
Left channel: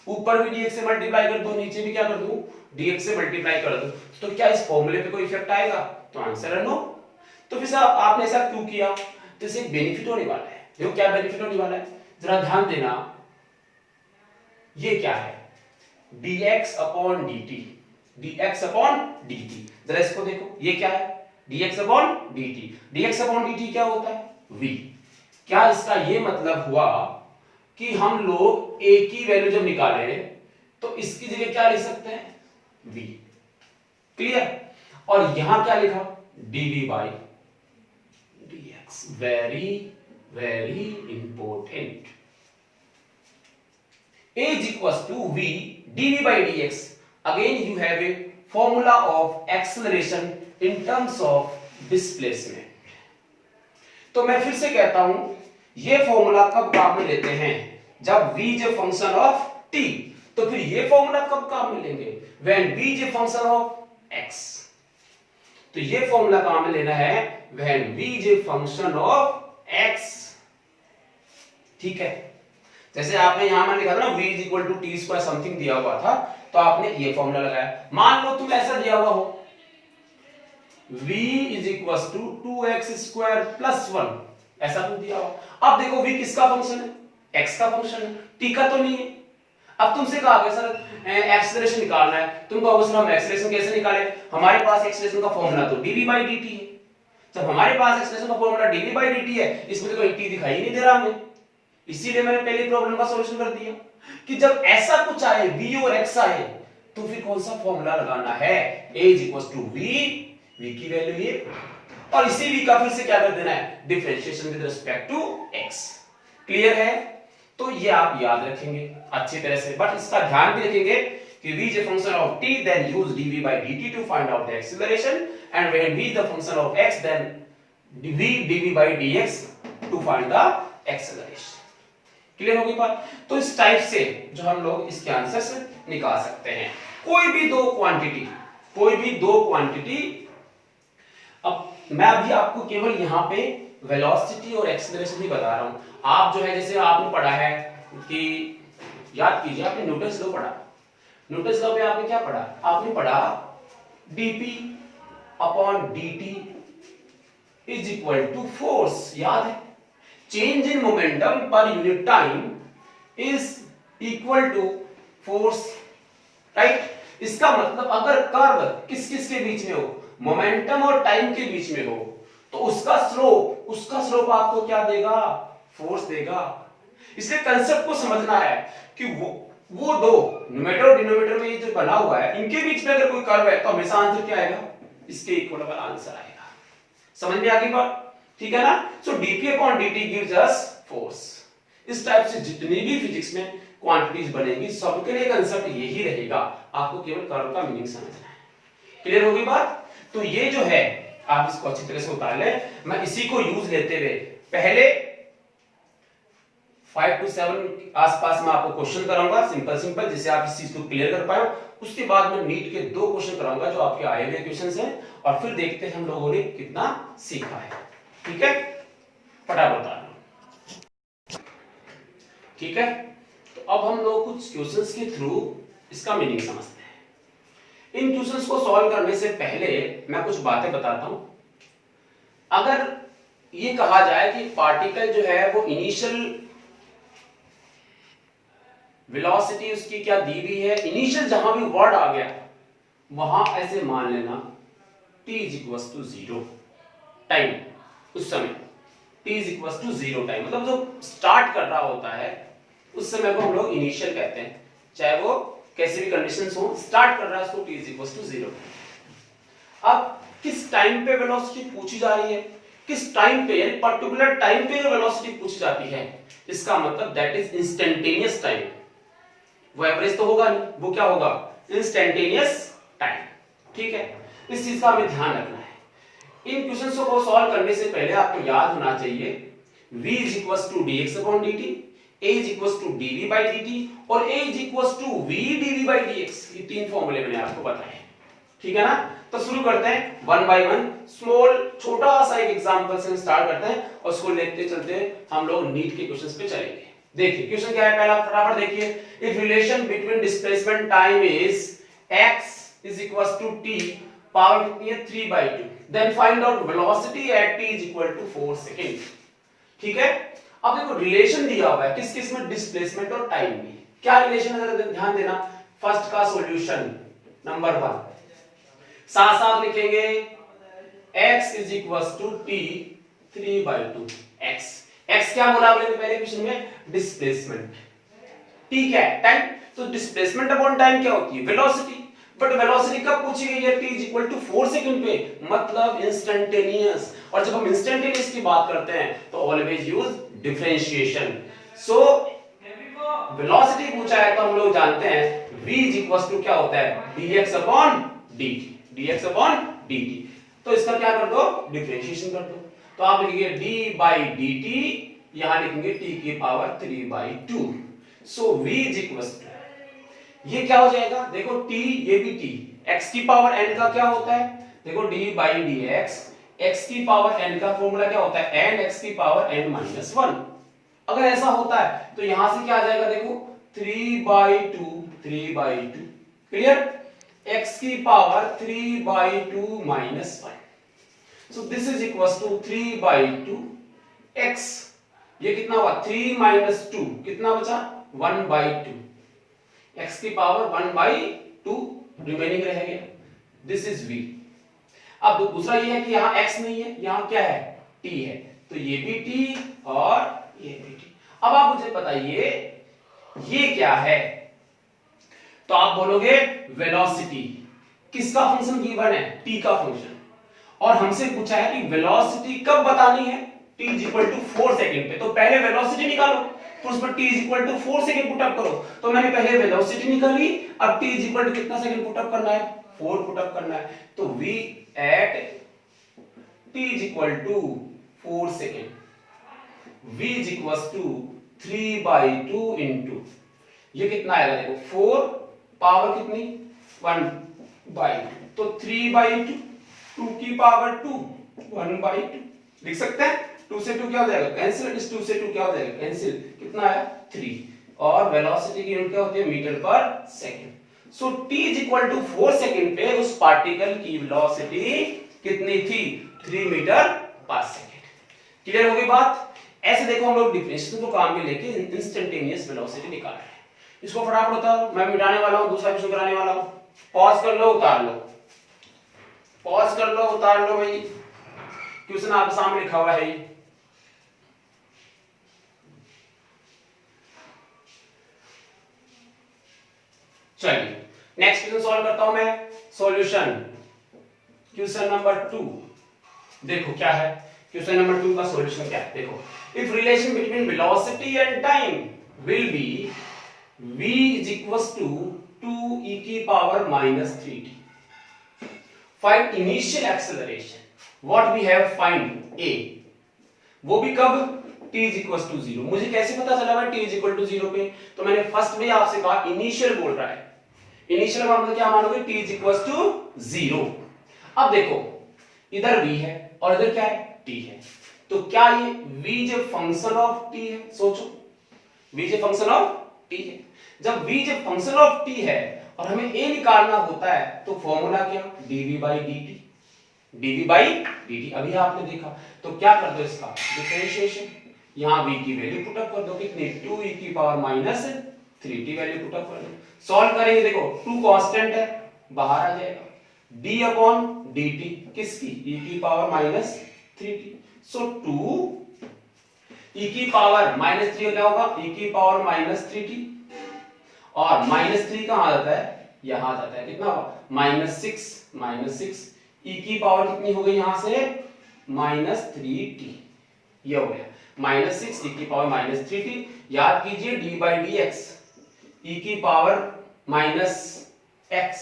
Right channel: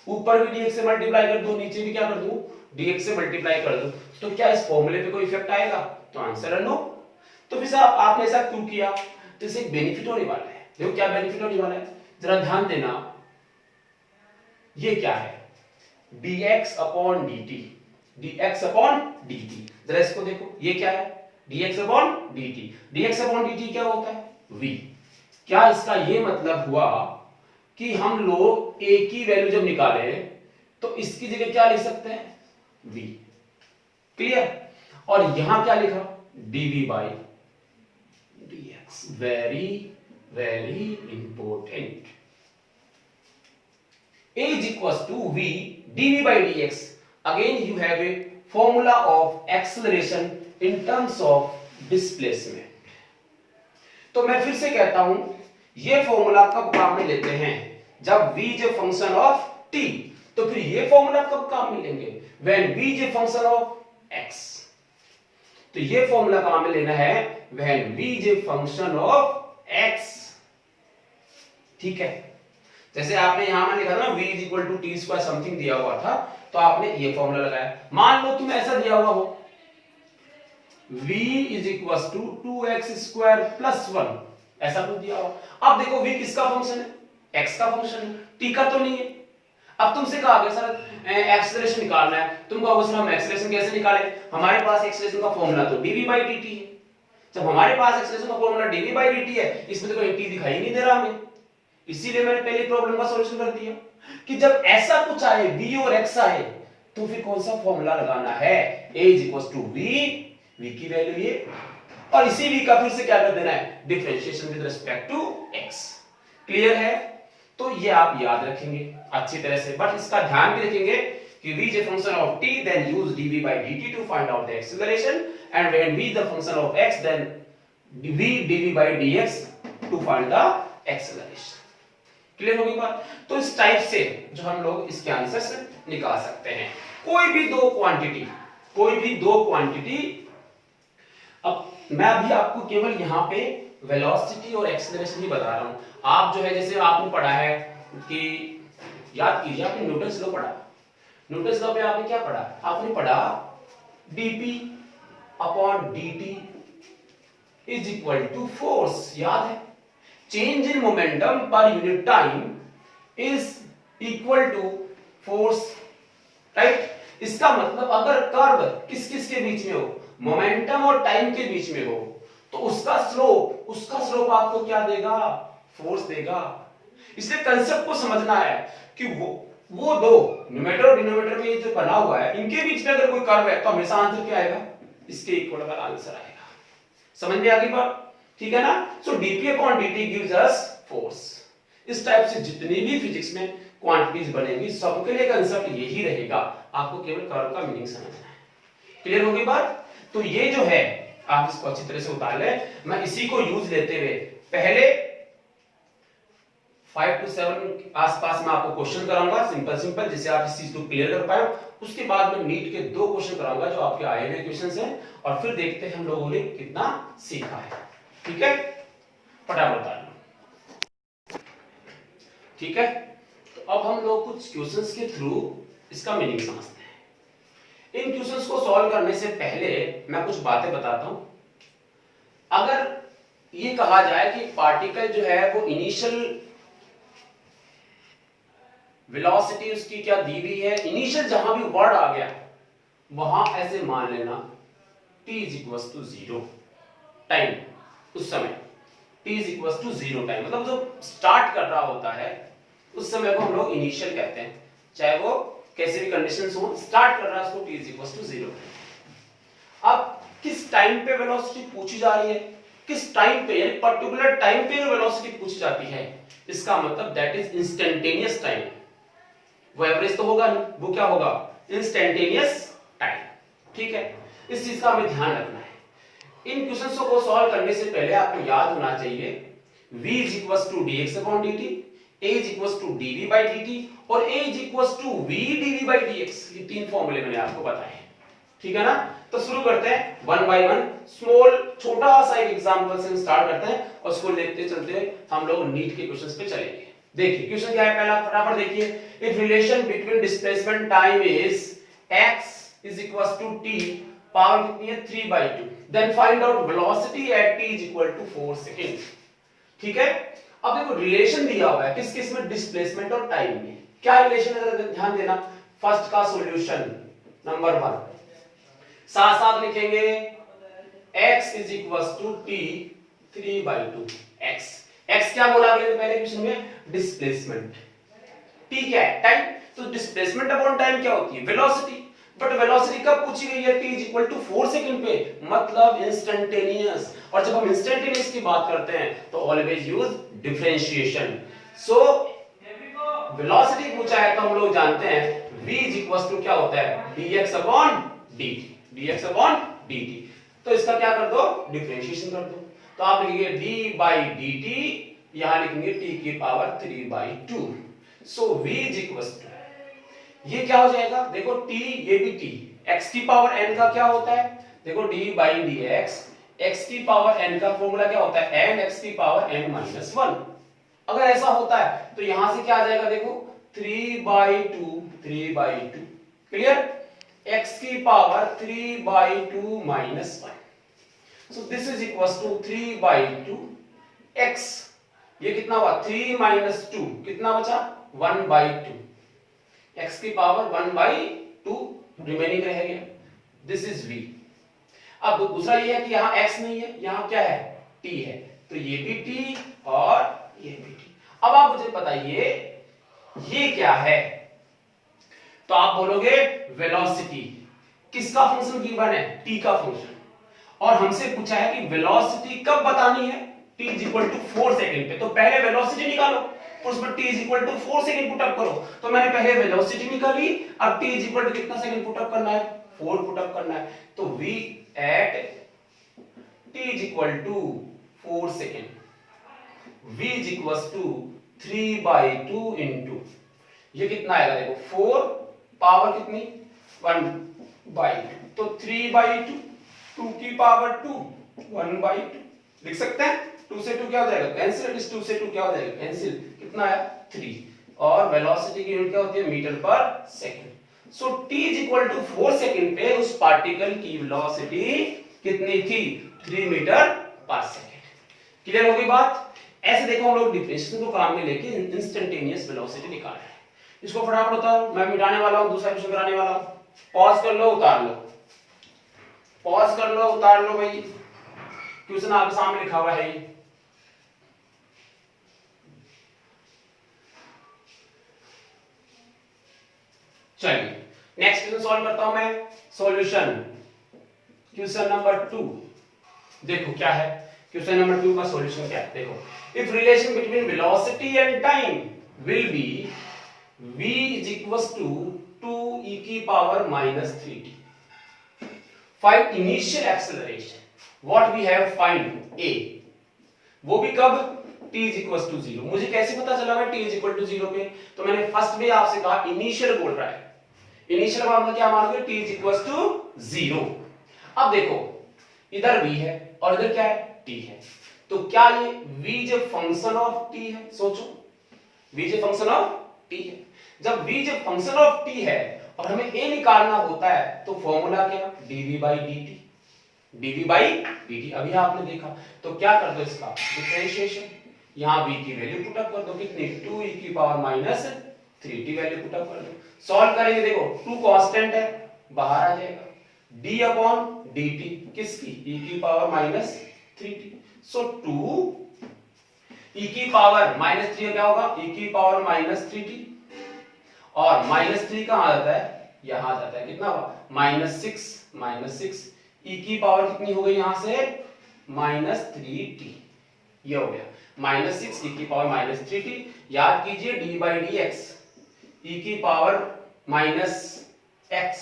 ऊपर भी dx से मल्टीप्लाई कर दूं, नीचे भी क्या कर दूं, dx से मल्टीप्लाई कर दूं, तो क्या इस फॉर्मूले पे कोई इफेक्ट आएगा, तो आंसर है नो। तो फिर साहब आपने ऐसा क्यों किया, तो इससे एक बेनिफिट होने वाला है। देखो क्या बेनिफिट होने वाला है, जरा ध्यान देना। ये क्या है, dx upon dt, dx upon dt, जरा इसको देखो, ये क्या है, dx upon dt, dx upon dt क्या होता है, v। क्या इसका ये मतलब हुआ कि हम लोग a की वैल्यू जब निकाले तो इसकी जगह क्या लिख सकते हैं, v, क्लियर। और यहां क्या लिखा, dv by dx, very very important. a is equals to v dv by dx, again you have a formula of acceleration in terms of displacement। तो मैं फिर से कहता हूं, ये फॉर्मूला कब काम में लेते हैं, जब v is a function of t। तो फिर ये फॉर्मूला कब काम में लेंगे, when v is a function of x। तो ये फॉर्मूला काम में लेना है when v is a function of x, ठीक है। जैसे आपने यहां में लिखा था ना v is equal to t square something दिया हुआ था, तो आपने ये फॉर्मूला लगाया। मान लो तुम्हें ऐसा दिया हुआ हो v is equal to 2x square plus 1, ऐसा कुछ दिया हुआ। अब देखो v किसका फंक्शन है, x का फंक्शन है, t का तो नहीं है। अब तुमसे कहा गया सर एक्सेलरेशन निकालना है, तुम कहोगे सर हम एक्सेलरेशन कैसे निकालें, हमारे पास एक्सेलरेशन का फॉर्मूला तो dv by dt है। जब हमारे पास एक्सेलरेशन का फॉर्मूला dv by dt है, इसमें तो कोई t दिखाई ही नहीं दे रहा हमें, इसीलिए मैंने पहली प्रॉब्लम का सॉल्यूशन कर दिया कि जब ऐसा कुछ आए v और x आए तो फिर कौन सा फॉर्मूला लगाना है, a is equal to v की वैल्यू ये, और इसी v का फिर से क्या कर देना है, differentiation with respect to x। Clear है। तो ये आप याद रखेंगे अच्छी तरह से, बट इसका ध्यान भी रखेंगे कि v is a function of t, then use dv by dt to find out the acceleration, and when v is the function of x, then dv by dx to find the acceleration। Clear होगी बात? तो इस type से जो हम लोग इसके answers निकाल सकते हैं। कोई भी दो क्वांटिटी, अब मैं अभी आपको केवल यहाँ पे वेलोसिटी और एक्सेलरेशन ही बता रहा हूं। आप जो है जैसे आपने पढ़ा है कि याद कीजिए, आपने न्यूटन्स लॉ पढ़ा। न्यूटन्स लॉ में आपने क्या पढ़ा? आपने पढ़ा dp upon dt is equal to force. याद है? Change in momentum per unit time is equal to force, right? इसका मतलब अगर कर्व किस किस के बीच में हो, मोमेंटम और टाइम के बीच में हो, तो उसका स्लोप आपको क्या देगा? फोर्स देगा। इसलिए कंसेप्ट को समझना है कि वो दो न्यूमेरेटर और डिनोमिनेटर में ये जो बना हुआ है, इनके बीच में अगर कोई कर्व है तो हमेशा आंसर क्या आएगा? इसके इक्वल वाला आंसर आएगा। समझ में आ गई बात? ठीक है ना? सो dp upon dt gives us force. इस टाइप से जितनी भी फिजिक्स में क्वांटिटीज बनेंगी सबके लिए कंसेप्ट यही रहेगा, आपको केवल कर्व का मीनिंग समझना है। क्लियर होगी बात? तो ये जो है आप इसको अच्छी तरह से उतार लें। मैं इसी को यूज लेते हुए पहले 5 to 7 आसपास में आपको क्वेश्चन कराऊंगा, सिंपल जिससे आप इस चीज को क्लियर कर पाए। उसके बाद मैं नीट के 2 क्वेश्चन कराऊंगा जो आपके आए हुए क्वेश्चंस हैं, और फिर देखते हैं हम लोगों ने कितना सीखा है। ठीक है, फटाफट बता दो। ठीक है, तो अब हम लोग कुछ क्वेश्चंस के थ्रू इसका मीनिंग समझते हैं। इन क्वेश्चंस को सॉल्व करने से पहले मैं कुछ बातें बताता हूं। अगर ये कहा जाए कि पार्टिकल जो है वो इनिशियल वेलोसिटी उसकी क्या दी हुई है, इनिशियल जहां भी वर्ड आ गया वहां ऐसे मान लेना t is equal to 0 time. उस समय t is equal to 0 time, मतलब जो स्टार्ट कर रहा होता है उस समय को हम लोग इनिशियल कहते हैं, चाहे वो कैसे भी कंडीशंस हो, स्टार्ट कर रहा है उसको t इज इक्वल टू 0। अब किस टाइम पे वेलोसिटी पूछी जा रही है, किस टाइम पे, यानी पर्टिकुलर टाइम पे जो वेलोसिटी पूछी जाती है, इसका मतलब दैट इज इंस्टेंटेनियस टाइम। वो एवरेज तो होगा नहीं, वो क्या होगा? Instantaneous time. ठीक है, इस चीज का हमें ध्यान रखना है। इन क्वेश्चंस को सॉल्व करने से पहले आपको याद होना चाहिए v is equal to dx upon dt, a is equal to dv by dt और a is equal to v dv by dx। ये 3 फॉर्मूले मैंने आपको बताए। ठीक है ना? तो शुरू करते हैं वन बाय वन। स्मॉल छोटा सा एक एग्जांपल से स्टार्ट करते हैं और उसको लेते चलते हम लोग नीट के क्वेश्चंस पे चलेंगे। देखिए क्वेश्चन क्या है, पहला फटाफट देखिए। If relation between displacement time is x is equal to t, power कितनी है? 3/2, then find out velocity at t is equal to 4 second. ठीक है, अब देखो रिलेशन दिया हुआ है किस किस में? डिस्प्लेसमेंट और टाइम में। क्या रिलेशन है जरा ध्यान देना। फर्स्ट का सॉल्यूशन नंबर 1 साथ साथ लिखेंगे x is equal to t 3/2। x क्या बोला आपने पहले क्वेश्चन में? डिस्प्लेसमेंट। t क्या है? टाइम। तो डिस्प्लेसमेंट अपॉन टाइम क्या होती है? वेलोसिटी। बट वेलोसिटी कब पूछी गई है? t is equal to 4 second पे, मतलब इंस्टेंटेनियस। और जब हम इंस्टेंटेनियस की बात करते हैं तो always use differentiation. So velocity पूछा है तो हम लोग जानते हैं v इज इक्वल टू क्या होता है? dx upon dt। dx upon dt, तो इसका क्या कर दो? डिफरेंशिएशन कर दो। तो आप लिखेंगे d बाई dt, यहां लिखेंगे t की power 3/2। So v is equal to, ये क्या हो जाएगा? देखो t, ये भी t, x की पावर n का क्या होता है? देखो d बाई dx, x की पावर n का फॉर्मूला क्या होता है? n x की पावर n माइनस 1। अगर ऐसा होता है तो यहां से क्या आ जाएगा? देखो 3/2। क्लियर? x की power 3/2 minus 1। So this is equals to 3/2 x, ये कितना हुआ? 3 माइनस 2 कितना बचा? 1/2। x की पावर 1/2 रिमेनिंग रह गया। This is v। अब दूसरा ये है कि यहाँ x नहीं है, यहाँ क्या है? t है, तो ये भी t और ये भी t। अब आप मुझे बताइए ये क्या है? तो आप बोलोगे वेलोसिटी। किसका फंक्शन गिवन है? t का फंक्शन। और हमसे पूछा है कि वेलोसिटी कब बतानी है? t is equal to 4 second पे। तो पहले वेलोसिटी निकालो, फिर उसमें t is equal to 4 second put up करो। तो मैंने पहले वेलोसिटी निकाली, अब t इज इक्वल टू कितना सेकंड पुट अप करना है? 4 पुट अप करना है। तो v at t is equal to 4 second, v is equal to 3/2 into ये कितना आएगा देखो 4 पावर कितनी 1/2 तो 3/2 2 की पावर 2 1/2 लिख सकते हैं। 2 से 2 क्या हो जाएगा कैंसिल, इस 2 से 2 क्या हो जाएगा कैंसिल, कितना है 3 और वेलोसिटी की यूनिट क्या होती है मीटर पर second. So t is equal to 4 second पे उस पार्टिकल की वेलोसिटी कितनी थी 3 मीटर पर सेकंड। क्लियर हो गई बात। ऐसे देखो हम लोग डिफरेंशिएशन को काम में लेके इंस्टेंटेनियस वेलोसिटी निकाल रहे हैं। इसको फटाफट उतारो, मैं मिटाने वाला हूं, दूसरा क्वेश्चन कराने वाला हूं। पॉज कर लो उतार लो, पॉज कर लो उतार लो भाई, क्वेश्चन आपके सामने लिखा हुआ है। चलिए नेक्स्ट क्वेश्चन सॉल्व करता हूं मैं। सॉल्यूशन क्वेश्चन नंबर 2 देखो क्या है। क्वेश्चन नंबर 2 का सॉल्यूशन क्या है देखो। If relation between velocity and time will be v is equals to 2 e की power minus 3t. Find initial acceleration. What we have find a. वो भी कब t is equals to 0. मुझे कैसे पता चला भाई t is equal to 0 पे, तो मैंने फर्स्ट में आपसे कहा इनिशियल बोल रहा है। इनिशियल का मतलब क्या मानोगे t is equals to 0। अब देखो इधर v है और इधर क्या है t है, तो क्या ये v जो फंक्शन ऑफ t है, सोचो v जो फंक्शन ऑफ t है। जब v जब फंक्शन ऑफ t है और हमें a निकालना होता है तो फॉर्मूला क्या dv by dt, dv by dt अभी आपने देखा। तो क्या कर दो इसका डिफरेंशिएशन, यहां v की वैल्यू पुट अप कर दो कितनी 2 e की power minus 3t value put up कर दो। सॉल्व करेंगे देखो 2 कांस्टेंट है बाहर आ जाएगा d अपॉन dt किसकी e की पावर माइनस 3t। सो 2 e की पावर माइनस 3 क्या होगा e की पावर माइनस 3t और -3 कहां आ जाता है यहां आ जाता है कितना -6 e की पावर कितनी हो गई यहां से -3t। ये हो गया -6 e की पावर -3t। याद कीजिए d by dx e की पावर -x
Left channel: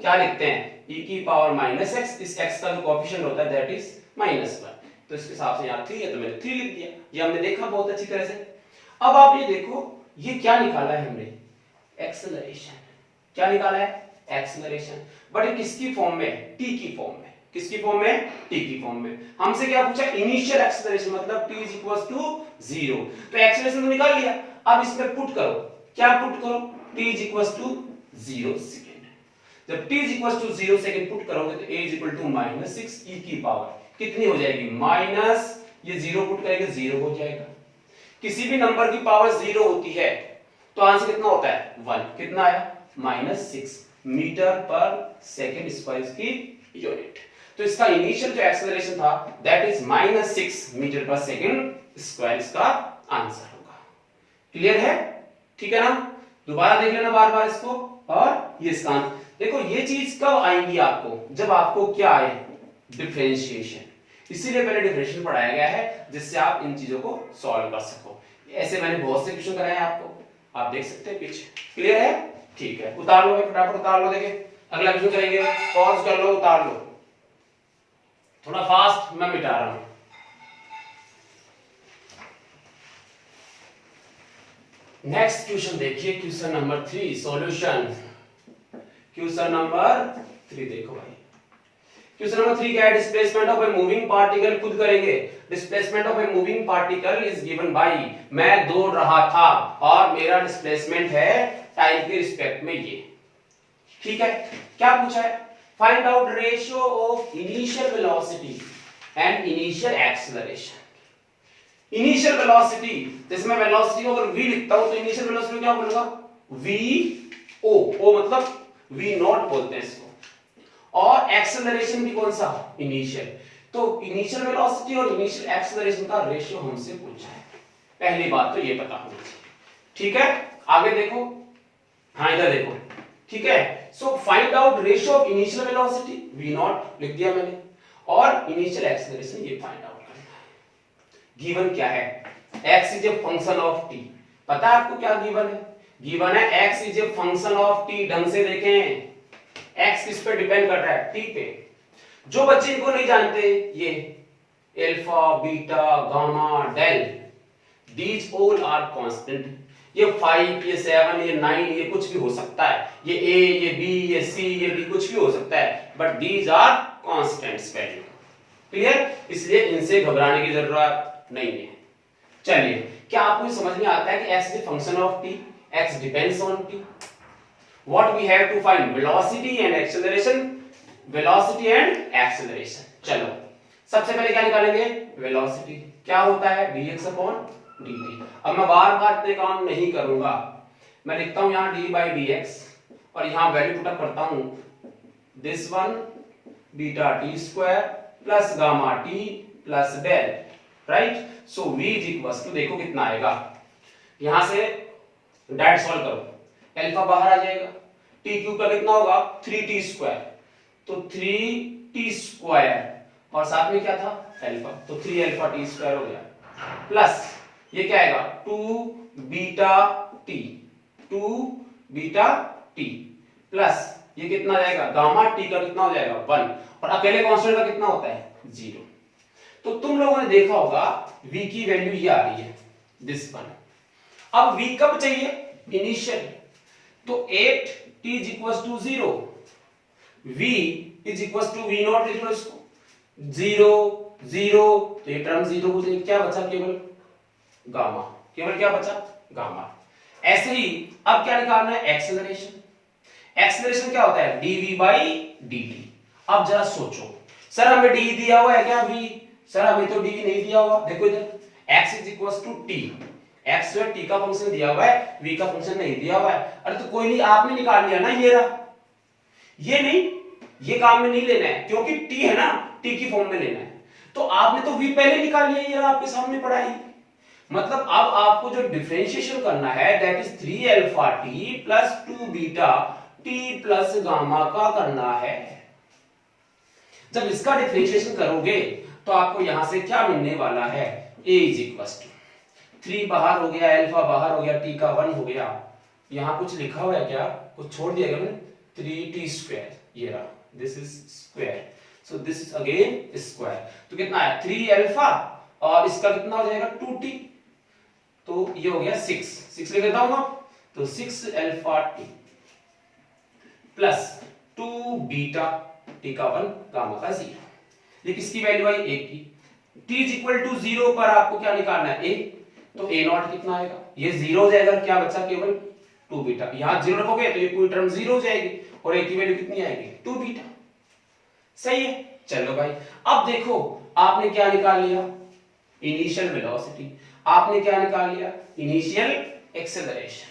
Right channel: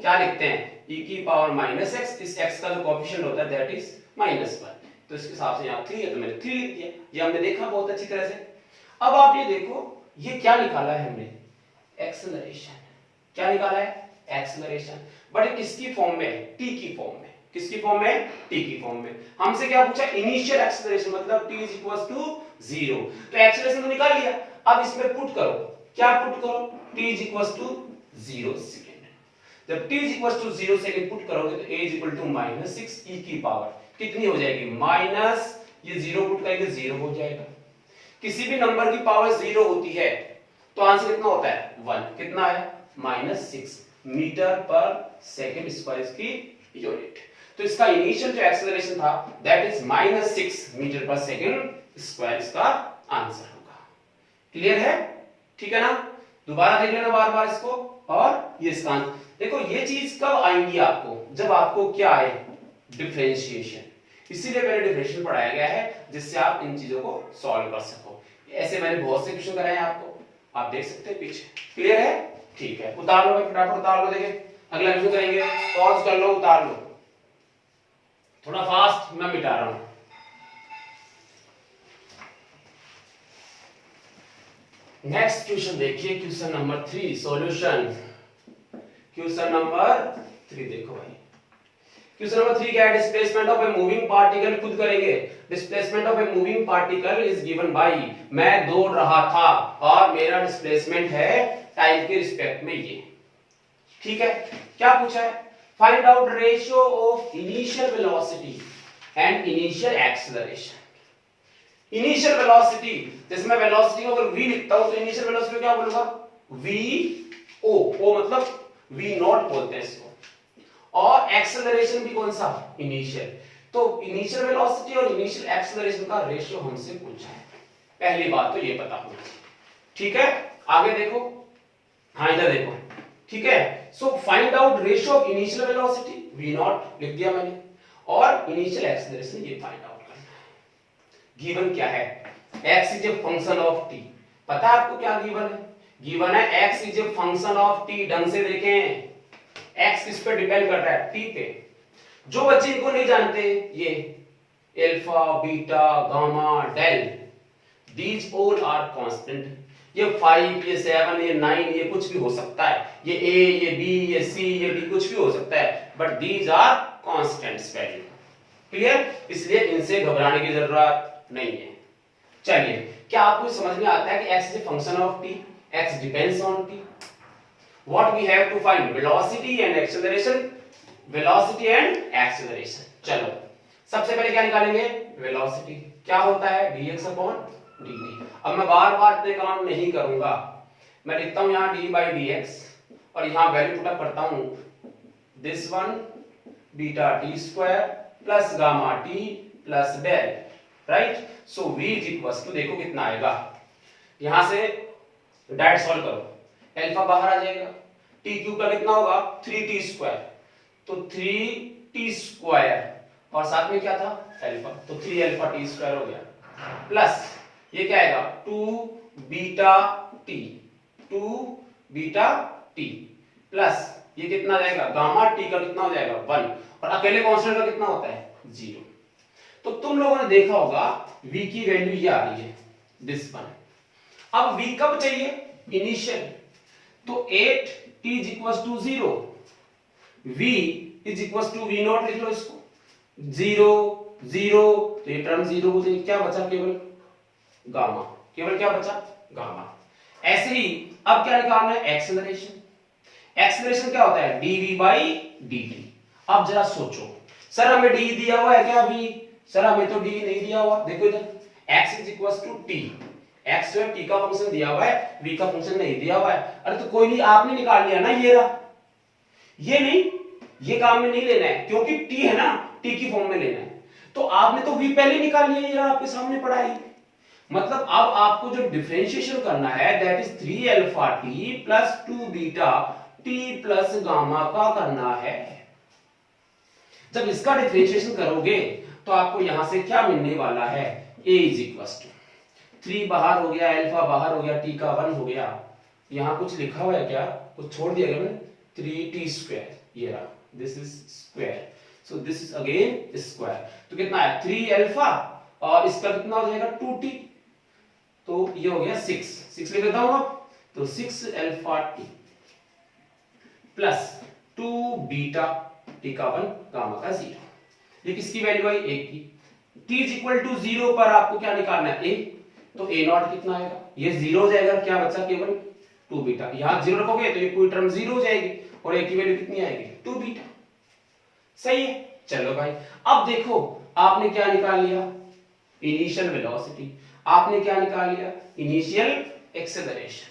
क्या लिखते हैं e की पावर -x, इस x का जो कोएफिशिएंट होता है दैट इज -1, तो इसके हिसाब से यहां 3 है तो मैंने 3 लिख दिया। ये हमने देखा बहुत अच्छी तरह से। अब आप ये देखो ये क्या निकाला है हमने एक्सेलरेशन। क्या निकाला है एक्सेलरेशन, बट ये किसकी फॉर्म में है t की फॉर्म में। किसकी फॉर्म में t की फॉर्म में। हमसे क्या पूछा इनिशियल एक्सेलरेशन मतलब t इज इक्वल्स टू 0, तो एक्सेलरेशन तो निकाल लिया। अब इसमें पुट करो, क्या पुट करो t is equals to 0 second. जब t is equals to 0 second put करोगे तो a is equal to -6 e की पावर कितनी हो जाएगी माइनस, ये 0 पुट करेंगे 0 हो जाएगा। किसी भी नंबर की पावर 0 होती है तो आंसर कितना होता है 1, कितना आया -6 मीटर पर सेकंड स्क्वायर की यूनिट। तो इसका इनिशियल जो एक्सेलरेशन था दैट इज -6 मीटर पर सेकंड स्क्वायर, इसका आंसर होगा। क्लियर है ठीक है ना। दोबारा देख लेना बार बार इसको। और ये इसका देखो ये चीज कब आएंगी आपको जब आपको क्या आए डिफरेंशिएशन, इसीलिए पहले डिफरेंशिएशन पढ़ाया गया है जिससे आप इन चीजों को सॉल्व कर सको। ऐसे मैंने बहुत से क्वेश्चन कराए हैं आपको, आप देख सकते हैं पीछे। क्लियर है ठीक है। उतार लो फटाफट उतार लो, देखिए अगला क्वेश्चन करेंगे। पॉज कर लो उतार लो, थोड़ा फास्ट मैं मिटा रहा हूं। नेक्स्ट क्वेश्चन देखिए question number 3 solution. Question number 3 देखो भाई। क्वेश्चन नंबर 3 क्या है displacement of a moving particle. खुद करेंगे। Displacement of a moving particle is given by, मैं दौड़ रहा था और मेरा डिस्प्लेसमेंट है टाइम के रिस्पेक्ट में ये। ठीक है क्या पूछा है find out ratio of initial velocity and initial acceleration. Initial velocity जैसे मैं वेलोसिटी को अगर v लिखता हूं तो इनिशियल वेलोसिटी को क्या बोलूंगा v o, o मतलब v नॉट बोलते हैं इसको। और एक्सेलरेशन भी कौन सा इनिशियल। तो इनिशियल वेलोसिटी और इनिशियल एक्सेलरेशन का रेशियो हमसे पूछा है, पहली बात तो ये पता होना चाहिए। ठीक है आगे देखो, हाँ इधर देखो ठीक है। So find out ratio of initial velocity v nought लिख दिया मैंने, और इनिशियल एक्सेलरेशन ये फाइंड आउट करना है। गिवन क्या है x is a function of t। पता है आपको क्या गिवन है, गिवन है x is a function of t। ढंग से देखें x किस पे डिपेंड कर रहा है t पे। जो बच्चे इनको नहीं जानते ये alpha beta gamma del, these all are constant. ये 5, ये 7, ये 9, ये कुछ भी हो सकता है, ये a, ये b, ये c, ये d कुछ भी हो सकता है, but these are constants value. Clear? इसलिए इनसे घबराने की जरूरत नहीं है। चलिए, क्या आपको समझ में आता है कि x is function of t, x depends on t? What we have to find? Velocity and acceleration, velocity and acceleration. चलो, सबसे पहले क्या निकालेंगे? वेलोसिटी। क्या होता है? dx upon dt। अब मैं बार बार इतने काम नहीं करूंगा, मैं लिखता हूं यहां d by dx और यहां वैल्यू पुट अप करता हूं, this one beta t square plus gamma t plus del, right? So v is equal to, देखो कितना आएगा, यहां से डायरेक्ट सॉल्व करो, अल्फा बाहर आ जाएगा, t क्यूब का कितना होगा? 3t स्क्वायर, तो 3t स्क्वायर और साथ में क्या था? अल्फा, तो 3 अल्फा t स्क्वायर हो गया, प्लस ये क्या आएगा? 2 beta t, 2 beta t plus ये कितना जाएगा? गामा t का कितना हो जाएगा? 1, और अकेले कांस्टेंट का कितना होता है? 0। तो तुम लोगों ने देखा होगा v की वैल्यू ये आ रही है, दिस वन। अब v कब चाहिए? इनिशियल, तो 8t is equal to 0, v is equal to v nought, लिख लो इसको, 0 0, तो ये टर्म 0 हो जाएगी, क्या बचा? केवल गामा, केवल क्या बचा? गामा। ऐसे ही अब क्या निकालना है? एक्सेलरेशन। एक्सेलरेशन क्या होता है? dv by dt। अब जरा सोचो, सर हमें d दिया हुआ है क्या? v, सर हमें तो dv नहीं दिया हुआ, देखो इधर x is equal to t, x जो t का फंक्शन दिया हुआ है, v का फंक्शन नहीं दिया हुआ है। अरे तो कोई नहीं, आपने निकाल लिया ना, ये रहा, ये नहीं, ये काम में नहीं लेना है क्योंकि t है ना, t की फॉर्म में लेना है, तो आपने तो v पहले निकाल लिया, ये आपके सामने पड़ा है। मतलब अब आपको जो डिफरेंशिएशन करना है, that is 3 alpha t plus 2 beta t plus gamma का करना है। जब इसका डिफरेंशिएशन करोगे तो आपको यहां से क्या मिलने वाला है? a इज इक्वल टू 3 बाहर हो गया, अल्फा बाहर हो गया, t का 1 हो गया, यहां कुछ लिखा हुआ है क्या? कुछ छोड़ दिया गया, 3t स्क्वायर, ये रहा, this is square, so this is again square, तो कितना है? 3 अल्फा और इसका कितना हो जाएगा? 2t, तो ये हो गया 6 लिख देता हूं, तो 6 alpha t plus 2 beta t का 1 गामा का 0। ये किसकी वैल्यू आई? a की। t इज इक्वल टू 0 पर आपको क्या निकालना है? a, तो a नॉट कितना आएगा? ये 0 हो जाएगा, क्या बचा? केवल 2 बीटा, यहां 0 रखोगे तो ये पूरी टर्म 0 हो जाएगी और a की वैल्यू कितनी आएगी? 2 बीटा। सही है? चलो भाई, अब देखो आपने क्या निकाल लिया? Initial velocity. आपने क्या निकाल लिया? Initial acceleration.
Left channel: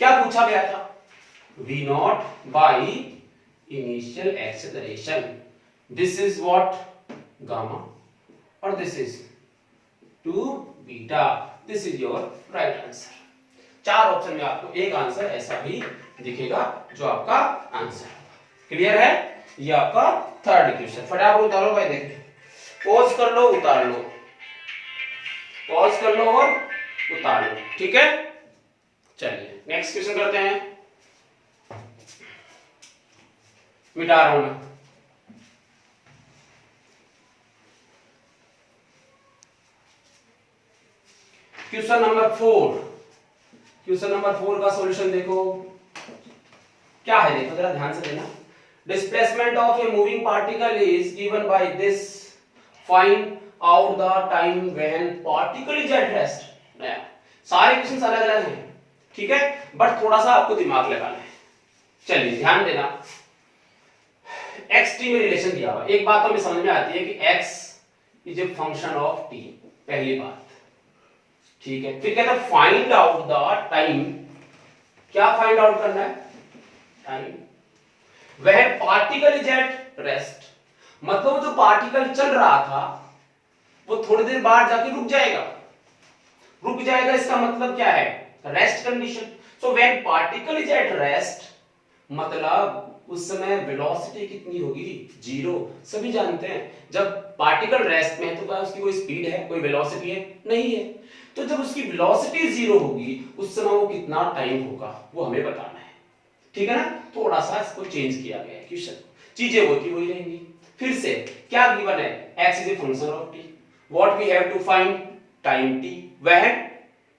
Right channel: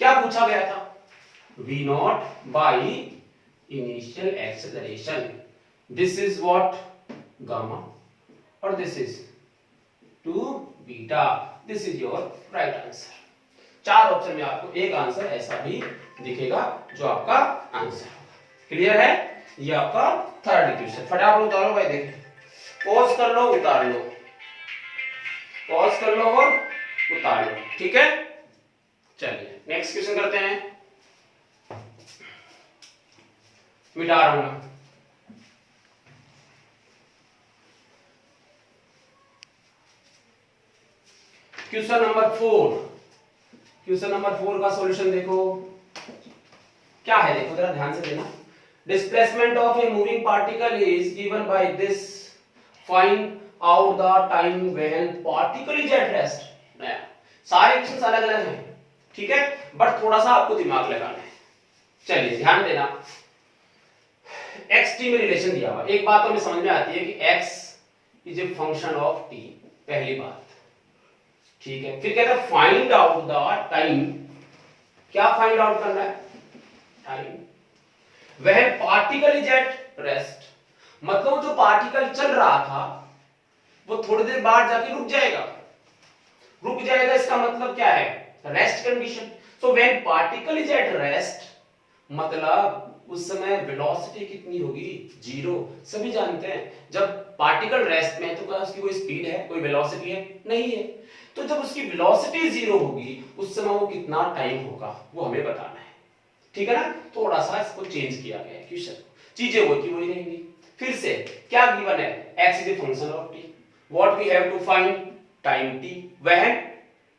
क्या पूछा गया था? v not by initial acceleration, this is what? Gamma, और this is 2 beta, this is your right answer. 4 option में आपको एक आंसर ऐसा भी दिखेगा जो आपका आंसर होगा। क्लियर है? ये आपका थर्ड इक्वेशन। फटाफट उतारो भाई, देखिए, पॉज कर लो, उतार लो, पॉज कर लो और उतार लो, ठीक है? चलिए नेक्स्ट क्वेश्चन करते हैं, मिटा रहा हूं मैं। क्वेश्चन नंबर 4, क्वेश्चन नंबर 4 का सॉल्यूशन देखो क्या है, देखो जरा ध्यान से देना। Displacement of a moving particle is given by this, find out the time when particle is at rest. नया, सारे क्वेश्चंस अलग अलग हैं, ठीक है, बट थोड़ा सा आपको दिमाग लगाना है। चलिए ध्यान देना, x t में रिलेशन दिया हुआ, एक बात तो हमें समझ में आती है कि x is a function of t, पहली बात, ठीक है। फिर कहता है फाइंड आउट द टाइम, क्या फाइंड आउट करना है? Time when particle is at rest, मतलब जो पार्टिकल चल रहा था वो थोड़ी देर बाद जाके रुक जाएगा, रुक जाएगा, इसका मतलब क्या है? Rest condition. So when particle is at rest, मतलब उस समय वेलोसिटी कितनी होगी? 0। सभी जानते हैं जब पार्टिकल रेस्ट में है तो क्या उसकी कोई स्पीड है, कोई वेलोसिटी है? नहीं है। तो जब उसकी वेलोसिटी 0 होगी उस समय वो कितना टाइम होगा वो हमें बताना है, ठीक है ना? थोड़ा सा इसको चेंज किया गया है क्वेश्चन, चीजें होती वही रहेंगी। फिर से क्या गिवन है? x is a function of t, what we have to find? Time t, when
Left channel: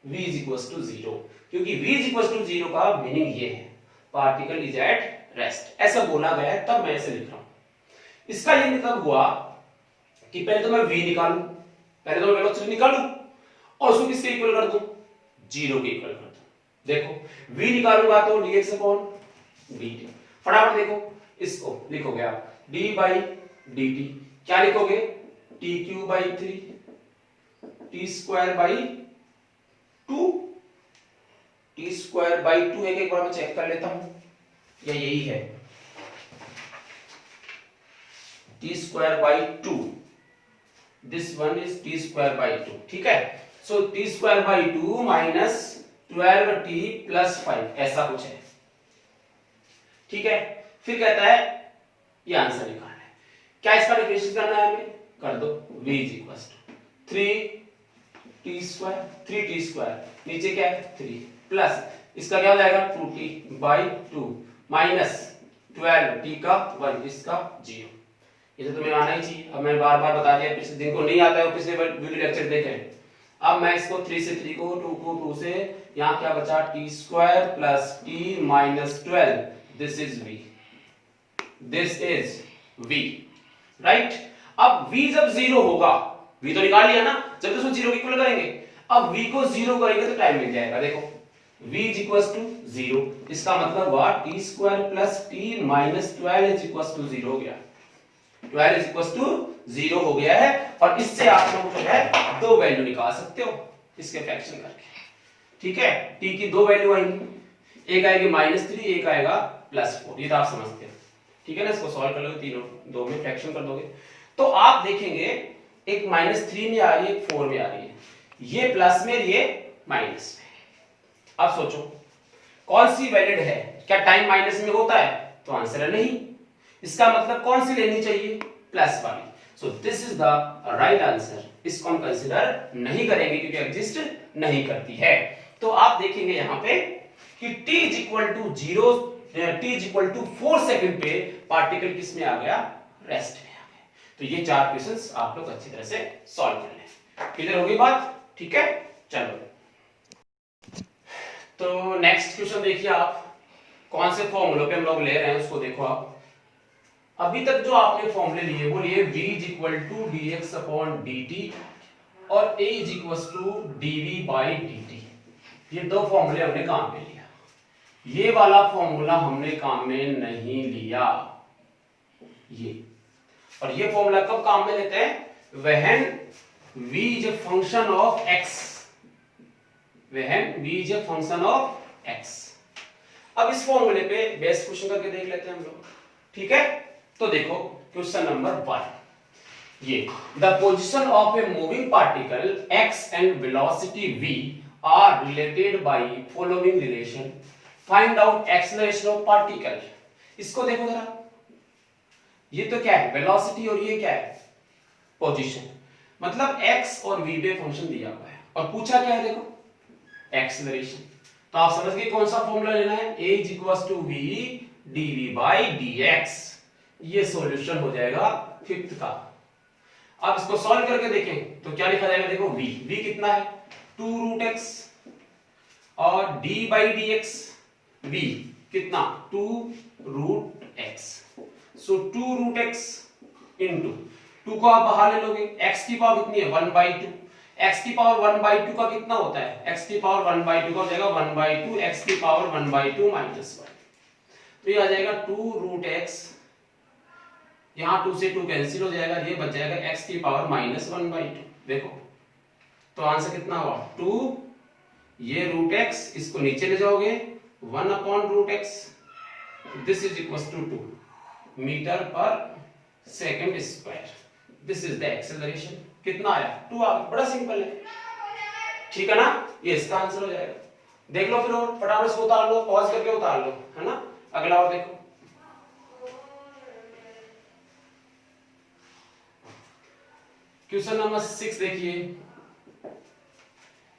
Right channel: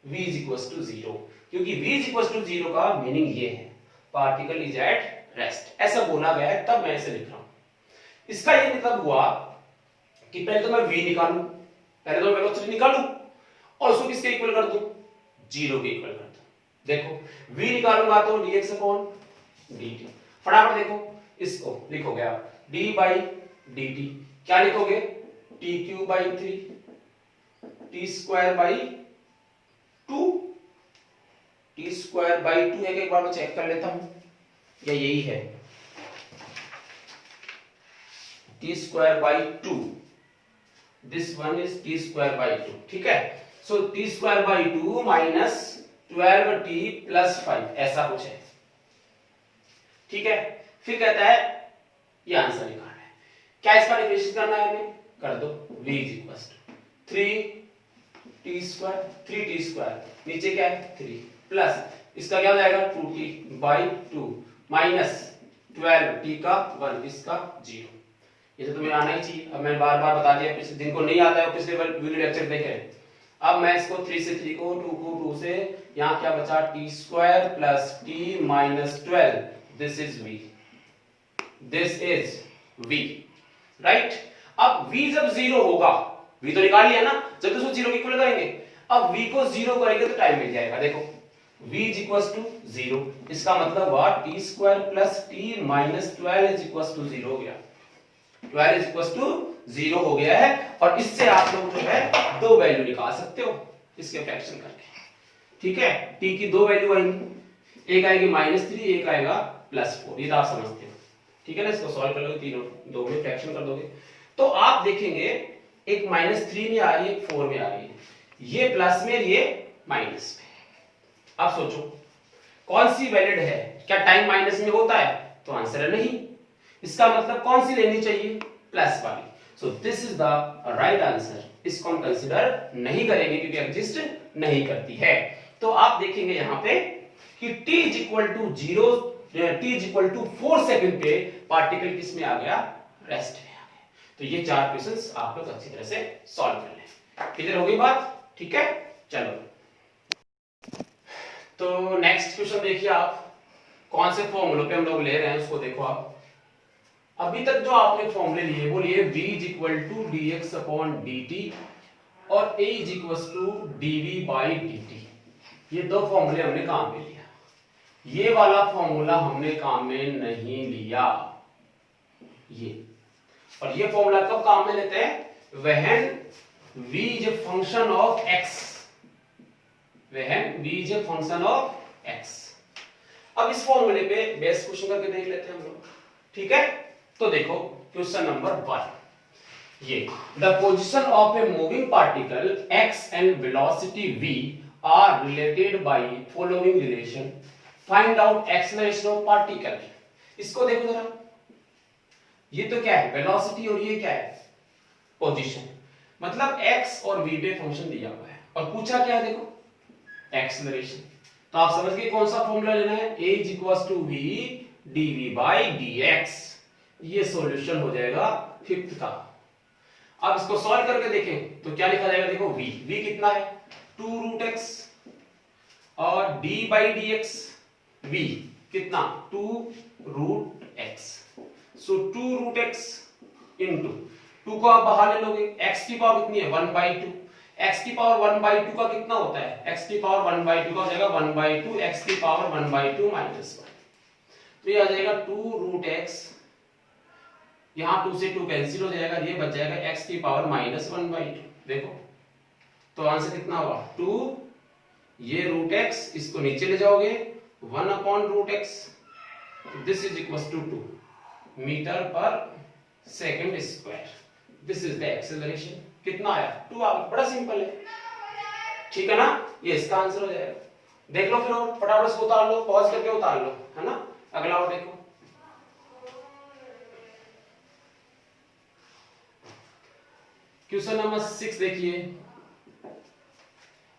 v is equal to 0, क्योंकि v इज इक्वल टू 0 का मीनिंग ये है पार्टिकल इज एट रेस्ट, ऐसा बोला गया है, तब मैं ऐसे लिख रहा हूं। इसका ये मतलब हुआ कि पहले तो मैं v निकालूं, पहले तो मैं वेलोसिटी निकालूं और उसको किसके इक्वल कर दूं, 0 के इक्वल कर दूं। देखो v निकालूंगा तो dx अपॉन dt, फटाफट देखो इसको लिखोगे आप d by dt, क्या लिखोगे tq by 3 t square by 2, t square by 2 है, एक बार मैं चेक कर लेता हूं, या यही है t square by 2, this one is t square by 2, ठीक है। सो t square by 2 minus 12t plus 5, ऐसा कुछ है, ठीक है। फिर कहता है ये आंसर निकालना है, क्या इसका डिफरेंशिएट करना है हमें, कर दो v is equal to 3t square, 3t square, नीचे क्या है 3 प्लस इसका क्या हो जाएगा 2t बाई 2 माइनस 12t का 1, इसका 0। ये तो तुम्हें आना ही चाहिए, अब मैं बार बार बता दिया, पिछले दिन को नहीं आता है पिछले वीडियो लेक्चर देखे। अब मैं इसको 3 से 3 को 2 को 2 से, यहाँ क्या बचा t square plus t minus 12, this is v, this is v, right. अब v जब 0 होगा, v तो निकाल लिया ना, जब इसको 0 के इक्वल करेंगे, अब v को 0 करेंगे तो टाइम मिल जाएगा। देखो v इज इक्वल टू 0, इसका मतलब हुआ t square plus t minus 12 is equal to 0 हो गया, 12 इज इक्वल टू 0 हो गया है। और इससे आप लोग जो है दो वैल्यू निकाल सकते हो इसके फ्रैक्शन करके, ठीक है। t की दो वैल्यू आएंगी, एक आएगी -3, एक आएगा +4, ये तो आप समझते हो, ठीक है ना। इसको सॉल्व कर लोगे, तीनों दो में फ्रैक्शन कर दोगे तो आप देखेंगे एक -3 में आ रही है, एक 4 में आ रही है, ये प्लस में, ये माइनस में। अब सोचो कौन सी वैलिड है, क्या टाइम माइनस में होता है, तो आंसर है नहीं। इसका मतलब कौन सी लेनी चाहिए, प्लस वाली। So this is the right answer, इसको हम कंसीडर नहीं करेंगे क्योंकि एग्जिस्ट नहीं करती है। तो आप देखेंगे यहां पे कि t is equal to 0, t is equal to 4 second पे पार्टिकल किस में आ गया, रेस्ट में आ गया। तो ये 4 क्वेश्चंस आप लोग अच्छी तरह से सॉल्व कर लें। क्लियर हो गई बात, ठीक है। चलो तो नेक्स्ट क्वेश्चन देखिए आप, कौन से फॉर्मूले पे हम लोग ले रहे हैं उसको देखो आप। अभी तक जो आपने फॉर्मूले लिए वो लिए v is equal to dx upon dt और a is equal to dv by dt। ये दो फॉर्मूले हमने काम में लिया, ये वाला फॉर्मूला हमने काम में नहीं लिया, ये। और ये फॉर्मूला कब काम में लेते हैं, when v is a function of x, when v is a function of x। अब इस फॉर्मूले पे बेस क्वेश्चन करके देख लेते हैं हम लोग, ठीक है। तो देखो क्वेश्चन नंबर 1, ये the position of a moving particle x and velocity v are related by following relation, find out acceleration of particle. इसको देखो जरा, ये तो क्या है वेलोसिटी और ये क्या है पोजीशन, मतलब x और v पे फंक्शन दिया हुआ है और पूछा क्या है, देखो एक्सेलरेशन। तो आप समझ गए कौन सा फॉर्मूला लेना है, a is equal to v dv by dx। ये सॉल्यूशन हो जाएगा 5th का। अब इसको सॉल्व करके देखें तो क्या लिखा जाएगा, देखो v कितना है 2√x और d बाई dx, v कितना 2√x। सो 2√x इंटू 2 को आप बाहर ले लोगे, x की पावर कितनी है 1/2, x की पावर 1/2 का कितना होता है, x की पावर 1/2 का हो जाएगा 1/2, x की पावर 1/2 माइनस 1, तो ये आ जाएगा 2√x, यहाँ 2 से 2 कैंसिल हो जाएगा, ये बच जाएगा x की पावर -1/2। देखो तो आंसर कितना हुआ 2, ये √x, इसको नीचे ले जाओगे 1/√x, this is equal to 2 metre पर second square. This is the acceleration. कितना आया 2 आ गया, बड़ा सिंपल है, ठीक है ना। ये इसका आंसर हो जाएगा। देख लो फिर और फटाफट इसको उतार लो, पॉज करके उतार लो, है ना। अगला और देखो, क्वेश्चन नंबर 6 देखिए,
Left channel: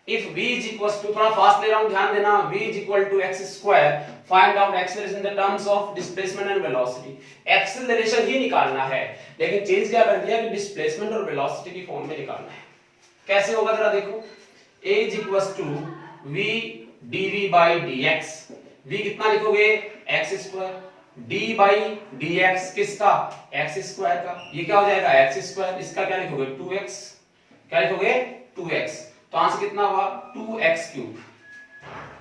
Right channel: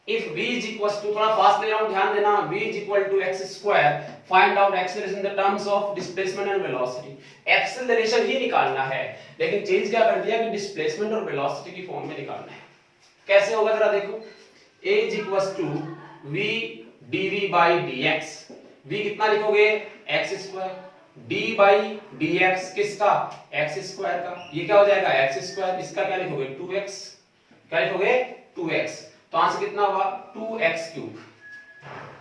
if v is equal to, थोड़ा फास्ट ले रहा हूं ध्यान देना, v is equal to x square, find out acceleration in the terms of displacement and velocity. Acceleration ही निकालना है, लेकिन चेंज क्या कर दिया कि डिस्प्लेसमेंट और वेलोसिटी की फॉर्म में निकालना है। कैसे होगा जरा देखो, a is equal to v dv by dx। v कितना लिखोगे x square, d by dx किसका x स्क्वायर का, ये क्या हो जाएगा x स्क्वायर, इसका क्या लिखोगे 2x, क्या लिखोगे 2x। तो आंसर कितना हुआ 2x cube,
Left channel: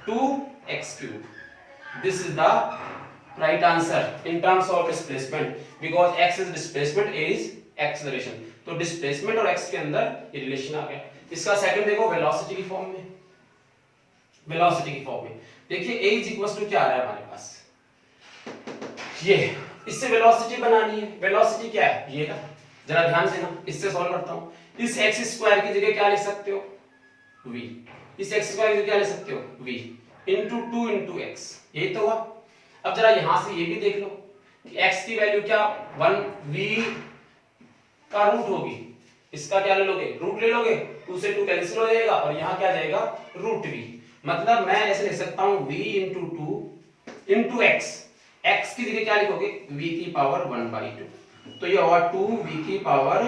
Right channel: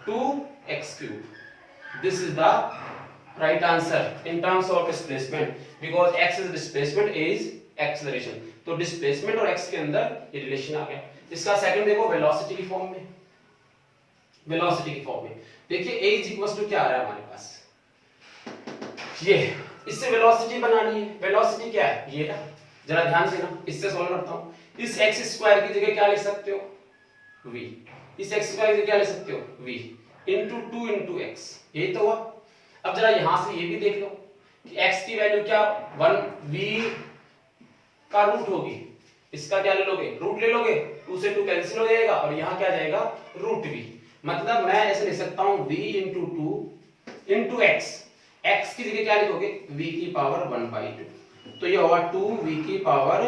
2x cube. This is the right answer in terms of displacement, because x is displacement, a is acceleration. तो डिस्प्लेसमेंट और x के अंदर ये रिलेशन आ गया। इसका सेकंड देखो वेलोसिटी की फॉर्म में, वेलोसिटी की फॉर्म में देखिए a इज इक्वल टू क्या आ रहा है हमारे पास, ये इससे वेलोसिटी बनानी है। वेलोसिटी क्या है ये, जरा ध्यान देना, इससे सॉल्व करता हूं। इस x स्क्वायर की जगह क्या लिख सकते हो v, इस x स्क्वायर की जगह क्या लिख सकते हो v into 2 into x, यही तो हुआ। अब जरा यहां से ये भी देख लो कि x की वैल्यू क्या 1v का रूट होगी, इसका क्या ले लोगे रूट ले लोगे, 2 से 2 कैंसिल हो जाएगा और यहां क्या जाएगा रूट v। मतलब मैं ऐसे लिख सकता हूं v into 2 into x, x की जगह क्या लिखोगे v की पावर 1/2, तो ये होगा 2v की पावर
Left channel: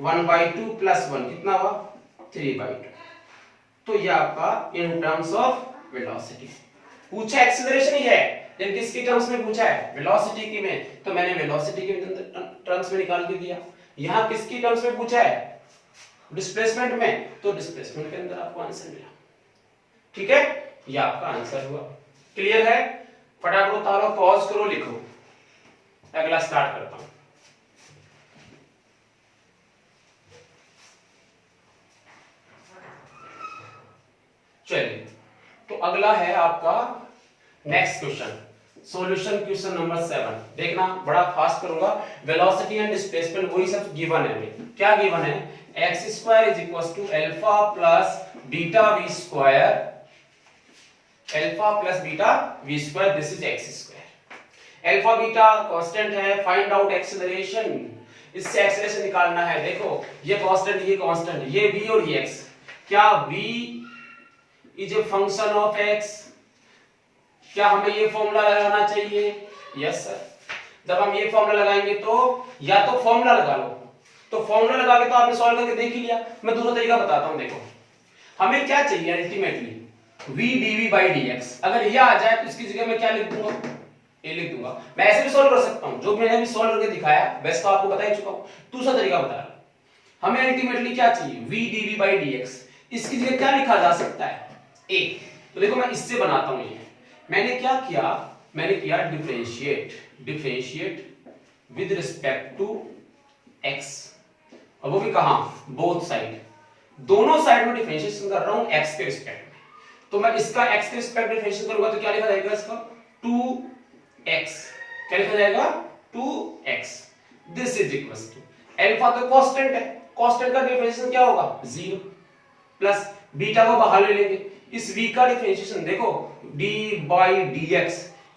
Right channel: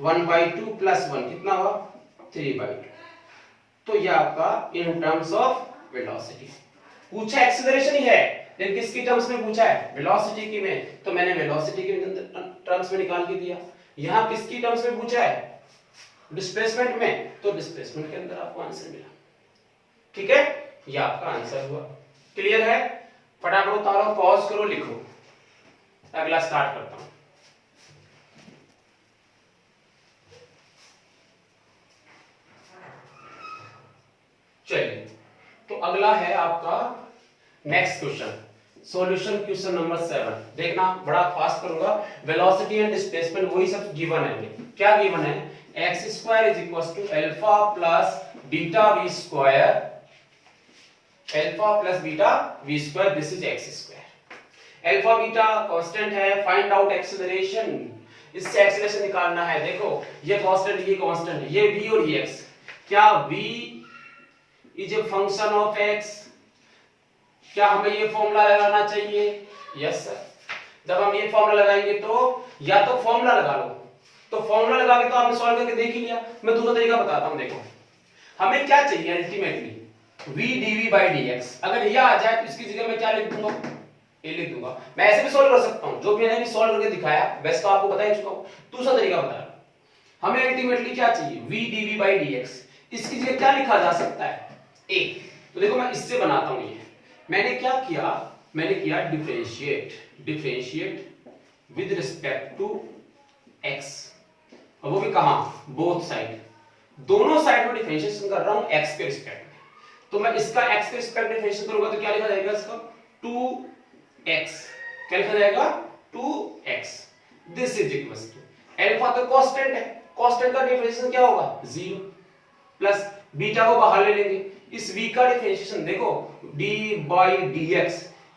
1/2 प्लस 1 कितना हुआ 3/2। तो ये आपका इन टर्म्स ऑफ वेलोसिटी पूछा, एक्सीलरेशन ही है लेकिन किसकी टर्म्स में पूछा है वेलोसिटी की में, तो मैंने वेलोसिटी के टर्म्स में निकाल के दिया। यहां किसकी टर्म्स में पूछा है डिस्प्लेसमेंट में, तो डिस्प्लेसमेंट के अंदर आपको आंसर मिला। ठीक है, ये आपका आंसर हुआ। क्लियर है, फटाफट उतारो, पॉज करो, लिखो, अगला स्टार्ट करता हूं। चलिए, तो अगला है आपका next question, solution question number 7। देखना बड़ा फास्ट करूंगा। वेलोसिटी एंड डिस्प्लेसमेंट वही सब गिवन है हमें। क्या गिवन है, x square is equal to alpha plus beta v square, alpha plus beta v square, this is x square. Alpha beta constant है, फाइंड आउट एक्सेलरेशन, इससे acceleration निकालना है। देखो ये कांस्टेंट, ये कांस्टेंट, ये v और ये x, क्या v is a function of x, क्या हमें ये फॉर्मूला लगाना चाहिए, यस सर। जब हम ये फॉर्मूला लगाएंगे तो या तो फॉर्मूला लगा लो, तो फॉर्मूला लगा के तो आपने सॉल्व करके देख ही लिया। मैं दूसरा तरीका बताता हूं, देखो हमें क्या चाहिए ultimately v dv by dx, अगर ये आ जाए तो इसकी जगह मैं क्या लिख दूंगा a लिख दूंगा। मैं ऐसे भी सॉल्व कर सकता हूं, जो मैंने अभी सॉल्व करके दिखाया वैसे तो आपको बता ही चुका हूं। दूसरा तरीका बता रहा हूं, हमें अल्टीमेटली क्या चाहिए v dv by dx, इसकी जगह क्या लिखा जा सकता है a। तो देखो मैं इससे बनाता हूं, ये मैंने क्या किया, मैंने किया differentiate with respect to x, और वो भी कहां बोथ साइड, दोनों साइड में डिफरेंशिएशन कर रहा हूं x के रिस्पेक्ट में। तो मैं इसका x के रिस्पेक्ट में डिफरेंशिएशन करूंगा तो क्या लिखा जाएगा इसका 2x, क्या लिखा जाएगा 2x। This is equal to alpha तो कांस्टेंट है, कांस्टेंट का डिफरेंशिएशन क्या होगा 0 प्लस बीटा को बाहर ले लेंगे, इस v का डिफरेंशिएशन देखो d बाई dx,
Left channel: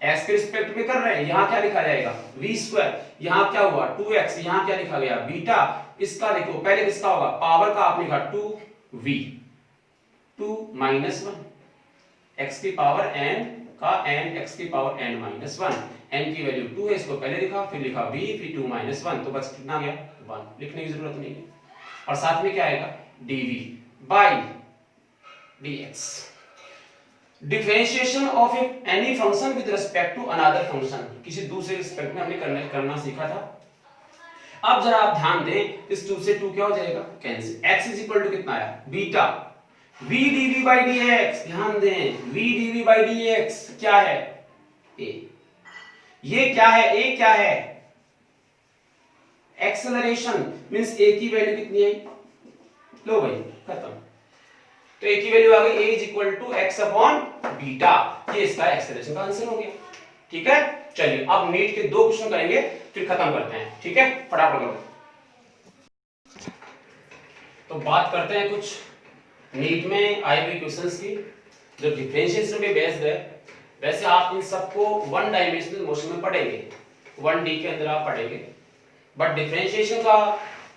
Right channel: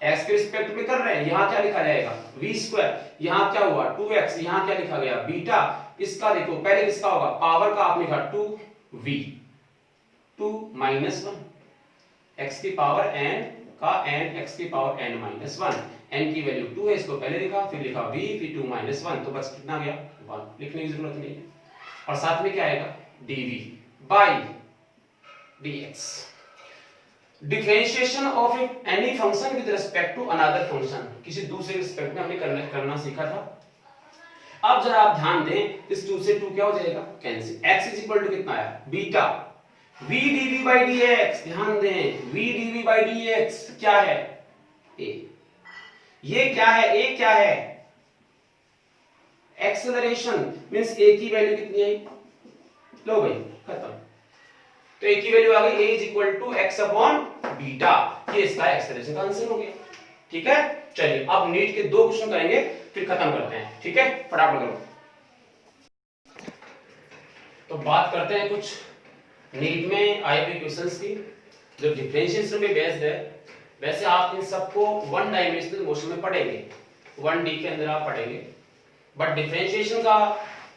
x के रिस्पेक्ट में कर रहे हैं, यहां क्या लिखा जाएगा v स्क्वायर, यहां क्या हुआ 2x, यहां क्या लिखा गया बीटा, इसका देखो पहले किसका होगा पावर का, आपने लिखा 2v, 2 माइनस 1, x की पावर n का n, x की पावर n माइनस 1, n की वैल्यू 2 है, इसको पहले लिखा, फिर लिखा v, फिर 2 माइनस 1, तो बस कितना गया 1, लिखने की जरूरत नहीं है। और साथ में क्या आएगा dv by dx, differentiation of any function with respect to another function, किसी दूसरे रिस्पेक्ट में हमने करना सीखा था। अब जरा आप ध्यान दें, इस 2 से 2 क्या हो जाएगा cancel, x is equal to कितना आया beta v dv by dx, ध्यान दें v dv by dx क्या है a, ये क्या है a, क्या है एक्सेलरेशन, मींस a की वैल्यू कितनी आई, लो भाई खत्म, तो a की वैल्यू आ गई a is equal to x upon beta, ये इसका एक्सेलरेशन का आंसर हो गया। ठीक है, चलिए अब नीट के 2 क्वेश्चन करेंगे फिर खत्म करते हैं। ठीक है, फटाफट करो। तो बात करते हैं कुछ नीट में आए हुए क्वेश्चंस की जो डिफरेंशिएशन पे बेस्ड है। वैसे आप इन सबको 1 डायमेंशनल मोशन में पढ़ेंगे, 1D के अंदर आप पढ़ेंगे, बट डिफरेंशिएशन का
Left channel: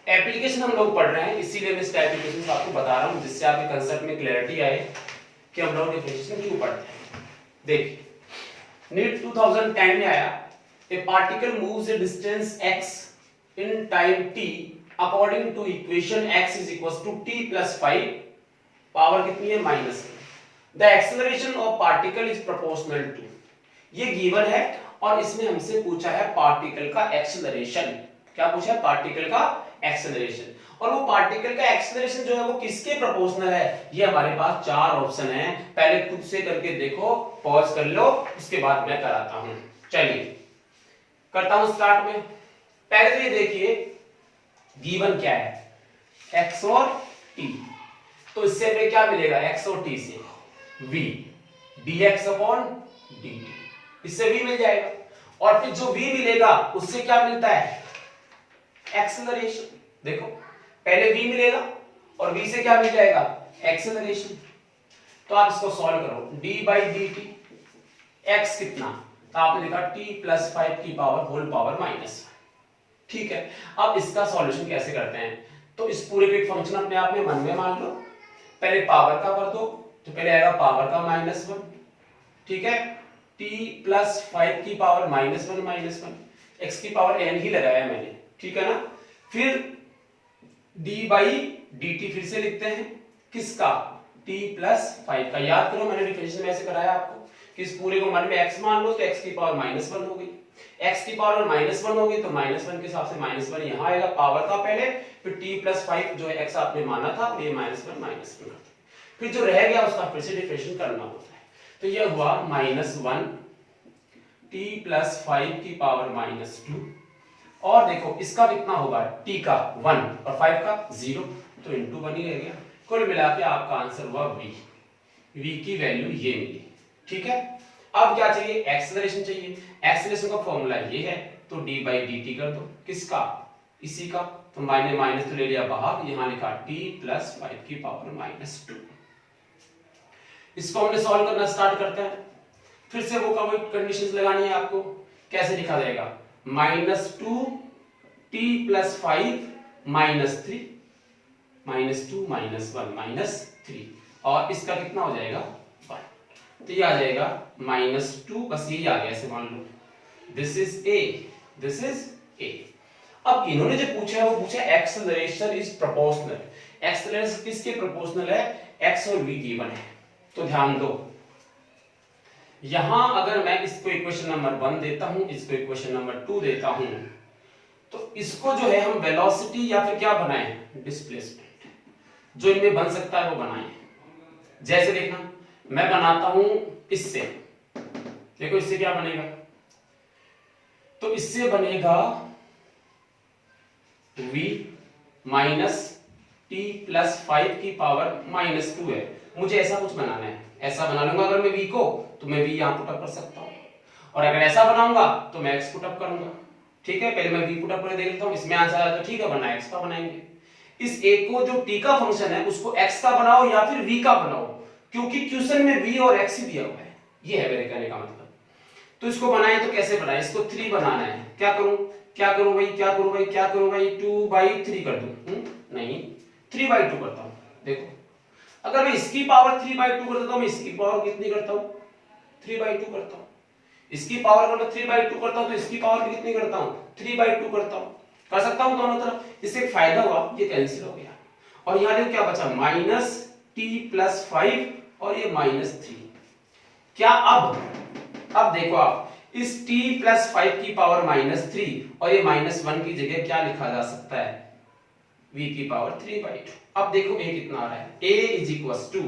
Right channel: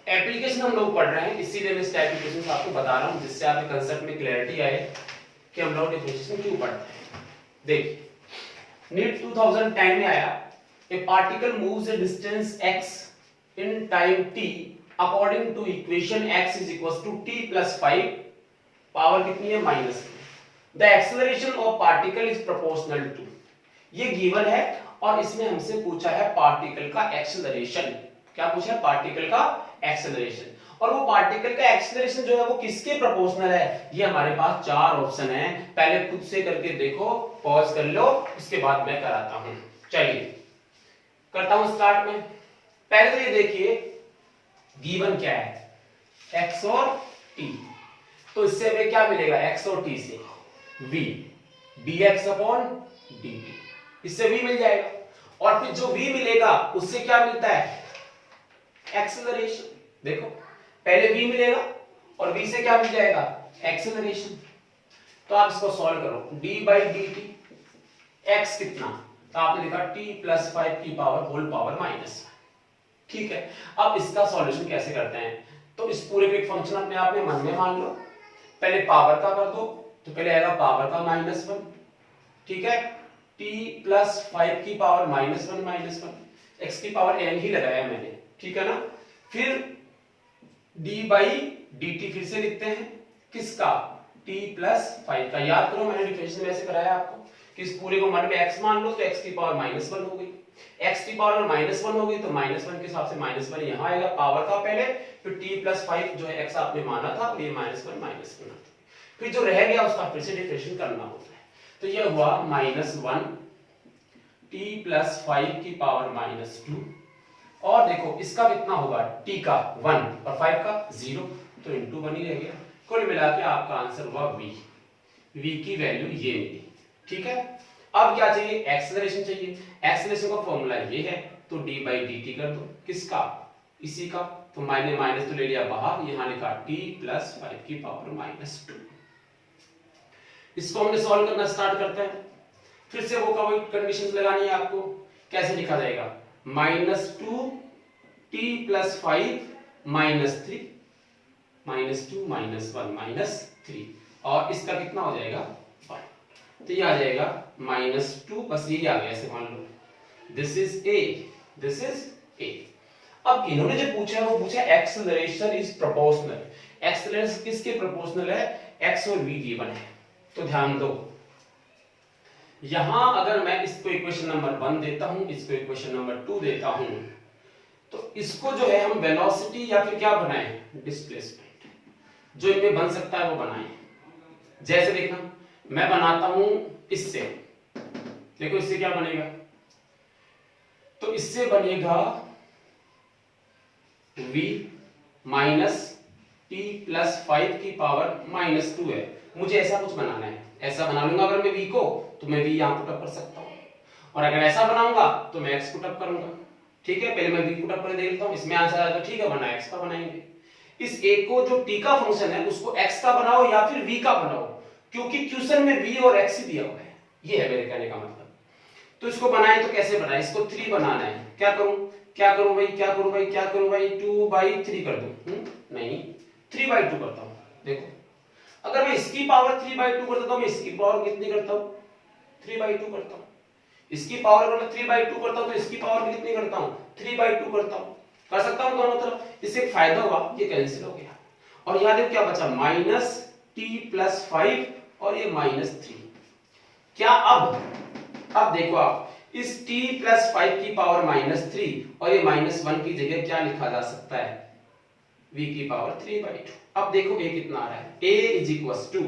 एप्लीकेशन हम लोग पढ़ रहे हैं, इसीलिए मैं इसका एप्लीकेशन आपको बता रहा हूं, जिससे आपके कंसेप्ट में क्लैरिटी आए कि हम लोग डिफरेंशिएशन क्यों पढ़ रहे हैं। देखिए नीट 2010 में आया, a particle moves a distance x in time t according to equation x is equal to t plus 5, power कितनी है -3। The acceleration of particle is proportional to, ये गिवन है और इसमें हमसे पूछा है पार्टिकल का एक्सेलरेशन। क्या पूछा है? पार्टिकल का एक्सेलरेशन। और वो पार्टिकल का एक्सेलरेशन जो है वो किसके प्रोपोर्शनल है? ये हमारे पास चार ऑप्शन है, पहले खुद से करके देखो, पॉज कर लो, इसके बाद मैं कराता हूं। चलिए करता हूं स्टार्ट में। पहले तो ये देखिए गिवन क्या है, x और t, तो इससे हमें क्या मिलेगा? x और t से v dx अपॉन dt, इससे v मिल जाएगा। और फिर जो v मिलेगा उससे क्या मिलता है? एक्सेलरेशन। देखो पहले v मिलेगा और v से क्या मिल जाएगा? एक्सेलरेशन। तो आप इसको सॉल्व करो, d by D T, x कितना? तो आपने देखा t प्लस 5 की पावर होल पावर माइनस। ठीक है, अब इसका सॉल्यूशन कैसे करते हैं? तो इस पूरे के फंक्शन अपने आप में मन में मान लो, पहले पावर का कर दो, तो पहले आएगा पावर का -1, ठीक है, t प्लस 5 की पावर -1, x की पावर n ही लगाया मैंने, ठीक है ना। फिर d बाई dt फिर से लिखते हैं, किसका? t प्लस 5 का। याद करो मैंने डिफरेंशियल में ऐसे कराया आपको कि इस पूरे को मन में x मान लो, तो x की पावर -1 हो गई, x की पावर -1 होगी तो -1 के हिसाब से -1 यहाँ आएगा पावर का पहले, फिर t प्लस 5 जो है x आपने माना था ये -1 फिर जो रह गया उसका फिर से डिफरेंशिएशन करना होता है। तो ये हुआ -1 t प्लस 5 की पावर -2, और देखो इसका कितना होगा? t का 1 और 5 का 0, तो इंटू 1 ही रह गया। कुल मिला के आपका आंसर हुआ v, v की वैल्यू ये मिली। ठीक है, अब क्या चाहिए? एक्सेलरेशन चाहिए। एक्सेलरेशन का फॉर्मूला ये है, तो d बाई डी टी कर दो, किसका? इसी का, तो माइनस माइनस तो ले लिया बाहर, यहां लिखा t प्लस 5 की पावर -2। इसको हमने सॉल्व करना स्टार्ट करते हैं। फिर से वो कोई कंडीशंस लगानी है आपको। कैसे लिखा जाएगा? -2 t प्लस 5 -3, -2 -1 -3, और इसका कितना हो जाएगा? 1। तो ये आ जाएगा -2, बस ये आ गया, ऐसे मान लो this is a, this is a। अब इन्होंने जो पूछा है वो पूछा एक्सेलरेशन इज प्रोपोर्शनल। एक्सेलरेशन किसके प्रोपोर्शनल है? x और v गिवन है। तो ध्यान दो, यहां अगर मैं इसको इक्वेशन नंबर 1 देता हूं, इसको इक्वेशन नंबर 2 देता हूं, तो इसको जो है हम वेलोसिटी या फिर क्या बनाएं? डिस्प्लेसमेंट। जो इनमें बन सकता है वो बनाएं। जैसे देखना, मैं बनाता हूं इससे, देखो इससे क्या बनेगा? तो इससे बनेगा v माइनस t प्लस 5 की पावर -2 है। मुझे ऐसा कुछ बनाना है, ऐसा बना लूंगा अगर मैं v को, तो मैं v यहां पुट अप कर सकता हूं, और अगर ऐसा बनाऊंगा तो मैं x पुट अप करूंगा। ठीक है, पहले मैं v पुट अप करके देख लेता हूं, इसमें आंसर आया तो ठीक है, वरना x का बनाएंगे। इस a को जो t का फंक्शन है उसको x का बनाओ या फिर v का बनाओ, क्योंकि क्वेश्चन में v और x ही दिया हुआ है, ये है मेरे कहने का मतलब। तो इसको बनाएं तो कैसे बनाएं? इसको 3 बनाना है। क्या करूं भाई, क्या करूं भाई 2/3 कर दूं? नहीं, 3/2 करता हूं। देखो अगर मैं इसकी पावर 3/2 कर देता हूं, मैं इसकी पावर कितनी करता हूं? 3/2 करता हूं। इसकी पावर मतलब 3/2 करता हूं, तो इसकी पावर भी कितनी करता हूं? 3/2 करता हूं। कर सकता हूं दोनों तरफ। इससे एक फायदा हुआ, ये कैंसिल हो गया, और यहां देखो क्या बचा? -t प्लस 5 और ये -3। क्या अब देखो आप, इस t प्लस 5 की पावर -3 और ये -1 की जगह क्या लिखा जा सकता है? v की पावर 3/2। अब देखो a कितना आ रहा है? a इज इक्वल टू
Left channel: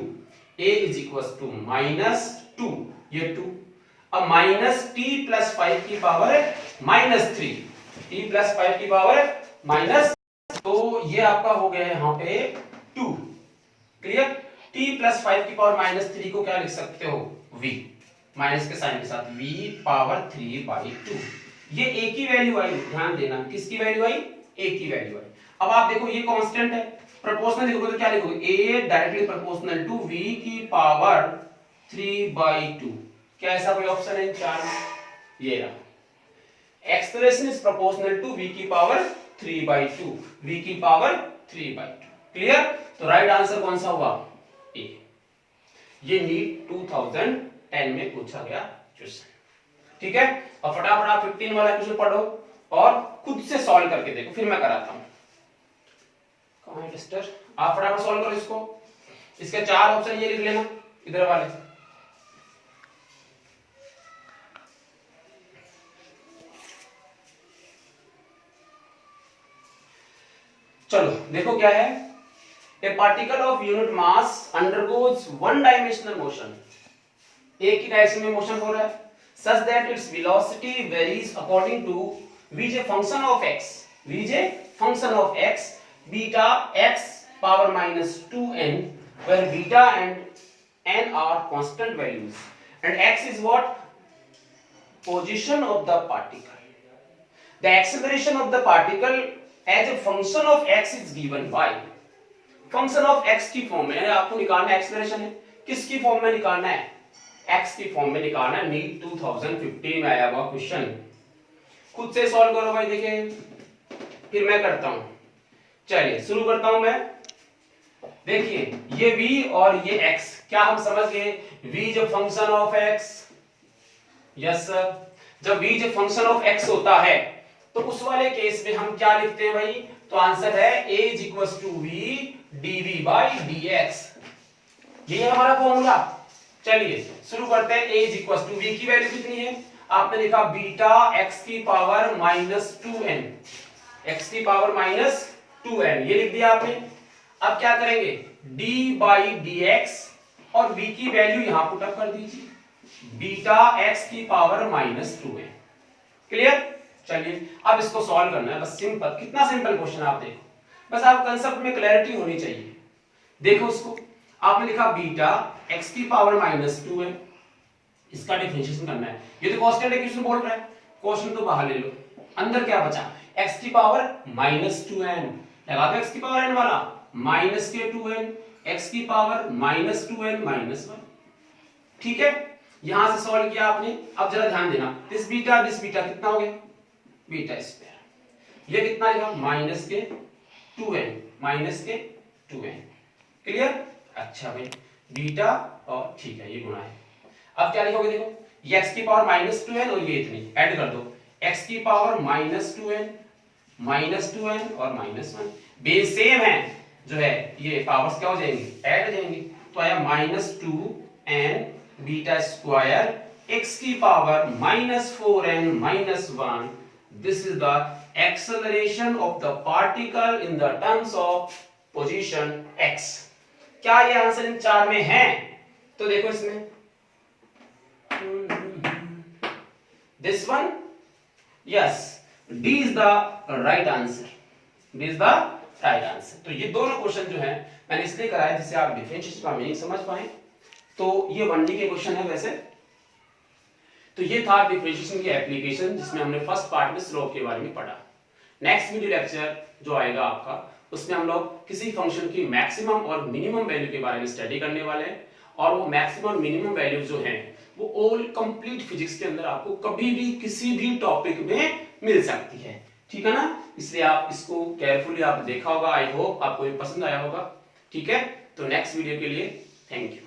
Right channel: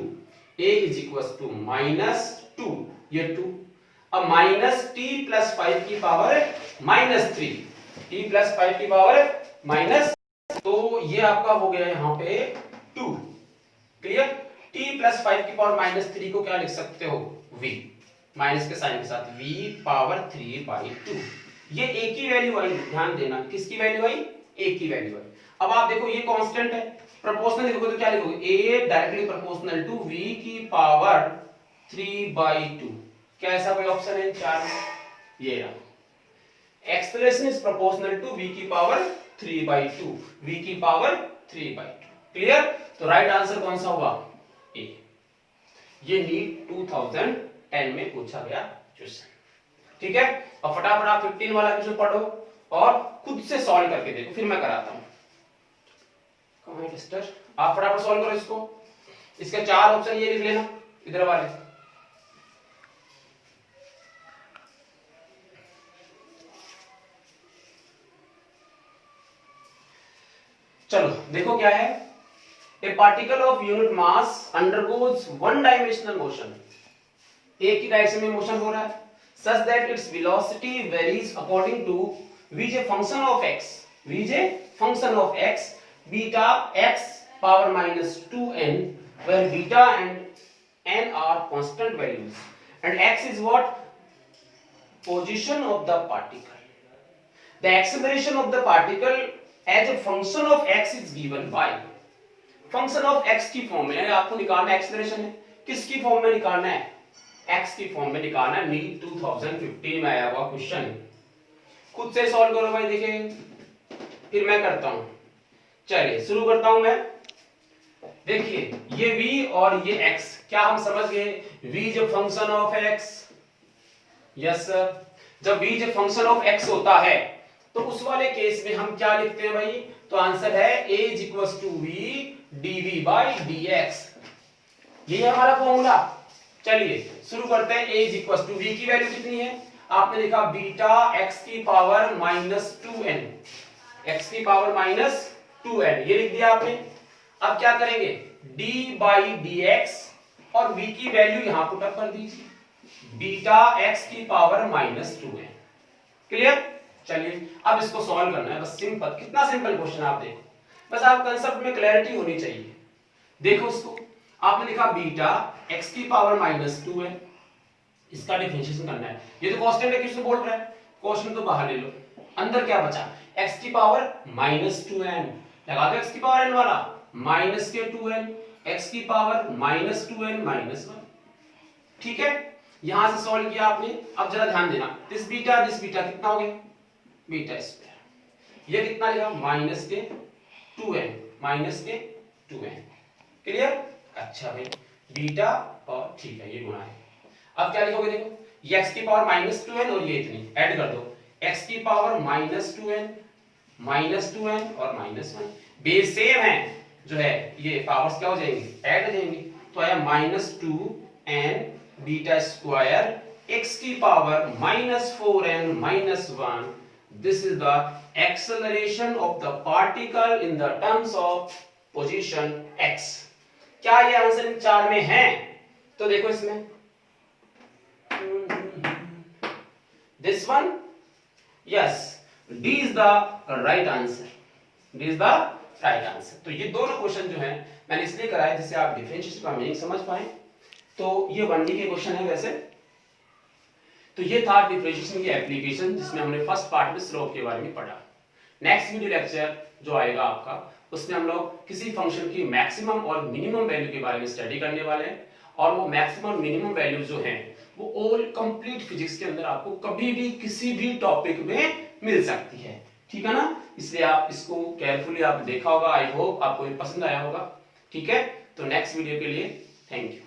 -2, ये 2। अब -t प्लस 5 की पावर -3, t प्लस 5 की पावर माइनस, तो ये आपका हो गया यहां पे 2। क्लियर? t प्लस 5 की पावर -3 को क्या लिख सकते हो? v, माइनस के साइन के साथ, v पावर 3/2। ये a की वैल्यू आई, ध्यान देना, किसकी वैल्यू आई? a की वैल्यू आई। अब आप देखो ये कांस्टेंट है, प्रोपोर्शनल लिखोगे तो क्या लिखोगे? a directly proportional to v की पावर 3/2। क्या ऐसा कोई ऑप्शन है इन चार में? ये रहा। Acceleration is proportional to v की पावर 3/2, v की पावर 3/2। क्लियर? तो राइट आंसर कौन सा हुआ? a। ये नीट 2010 में पूछा गया क्वेश्चन। ठीक है, अब फटाफट आप 15 वाला क्वेश्चन पढ़ो और खुद से सॉल्व करके देखो, फिर मैं कराता हूं। कहां है टेस्टर? आप फटाफट सॉल्व करो इसको। इसके 4 ऑप्शन ये लिख लेना, इधर वाले। चलो देखो क्या है, ए particle of unit mass undergoes one dimensional motion, एक ही डायरेक्शन में मोशन हो रहा है, such that its velocity varies according to Vj function of x, Vj function of x, beta x power minus 2n, where beta and n are constant values, and x is what? Position of the particle. The acceleration of the particle as a function of x is given by function of x की form में आपको निकालना acceleration है, किसकी form में निकालना है? x की फॉर्म में निकालना है। नीट 2015 में आया हुआ क्वेश्चन, खुद से सॉल्व करो भाई, देखिए फिर मैं करता हूं। चलिए शुरू करता हूं मैं। देखिए ये v और ये x, क्या हम समझ गए? v जब function of x, yes sir, जब v जब फंक्शन ऑफ x होता है तो उस वाले केस में हम क्या लिखते हैं भाई? तो आंसर है a is equal to v dv by dx, ये है हमारा फॉर्मूला। चलिए शुरू करते हैं। a is equal to v की वैल्यू कितनी है? आपने लिखा बीटा x की पावर माइनस 2n, x की पावर माइनस 2n, ये लिख दिया आपने। अब क्या करेंगे? d बाई dx और v की वैल्यू यहां पुट अप कर दीजिए, बीटा x की पावर माइनस 2n। क्लियर? चलिए अब इसको सॉल्व करना है, बस सिंपल, कितना सिंपल क्वेश्चन आप देखो, बस आप कंसेप्ट में क्लैरिटी होनी चाहिए। देखो इसको, आपने लिखा बीटा x की पावर माइनस 2n, इसका डिफरेंशिएशन करना है। ये तो कांस्टेंट है, क्वेश्चन बोल रहा है, क्वेश्चन तो बाहर ले लो, अंदर क्या बचा? x की पावर माइनस 2n, लगा दो x की पावर n वाला, माइनस के 2n, x की पावर माइनस 2n माइनस 1। ठीक है, यहां से सॉल्व किया आपने। अब जरा ध्यान देना, दिस बीटा कितना हो गया? Beta square. ये कितना लिखा? माइनस के 2n, माइनस के 2n। क्लियर? अच्छा भाई, बीटा और ठीक है ये गुणा है। अब क्या लिखोगे? देखो ये x की पावर माइनस 2n और ये इतनी ऐड कर दो, x की पावर माइनस 2n और माइनस 1, बेस सेम है, जो है ये पावर्स क्या हो जाएंगी? ऐड हो जाएंगी। तो आया minus 2n beta square x की power minus 4n minus 1। This is the acceleration of the particle in the terms of position x। क्या ये आंसर इन चार में है? तो देखो इसमें this one, yes, D is the right answer, D is the right answer. तो ये दोनों क्वेश्चन जो है मैंने इसलिए कराया जिससे आप डिफरेंशिएशन का मीनिंग समझ पाए। तो ये 1D के क्वेश्चन है वैसे। तो ये था डिफरेंशिएशन की एप्लीकेशन, जिसमें हमने फर्स्ट पार्ट में स्लोप के बारे में पढ़ा। नेक्स्ट वीडियो लेक्चर जो आएगा आपका, उसमें हम लोग किसी फंक्शन की मैक्सिमम और मिनिमम वैल्यू के बारे में स्टडी करने वाले हैं। और वो मैक्सिमम मिनिमम वैल्यू जो है वो ऑल कंप्लीट फिजिक्स के अंदर आपको कभी भी किसी भी टॉपिक में मिल सकती है। ठीक है ना? इसलिए आप इसको केयरफुली आप देखा होगा। आई होप आपको ये पसंद आया होगा। ठीक है, तो नेक्स्ट वीडियो के लिए थैंक यू।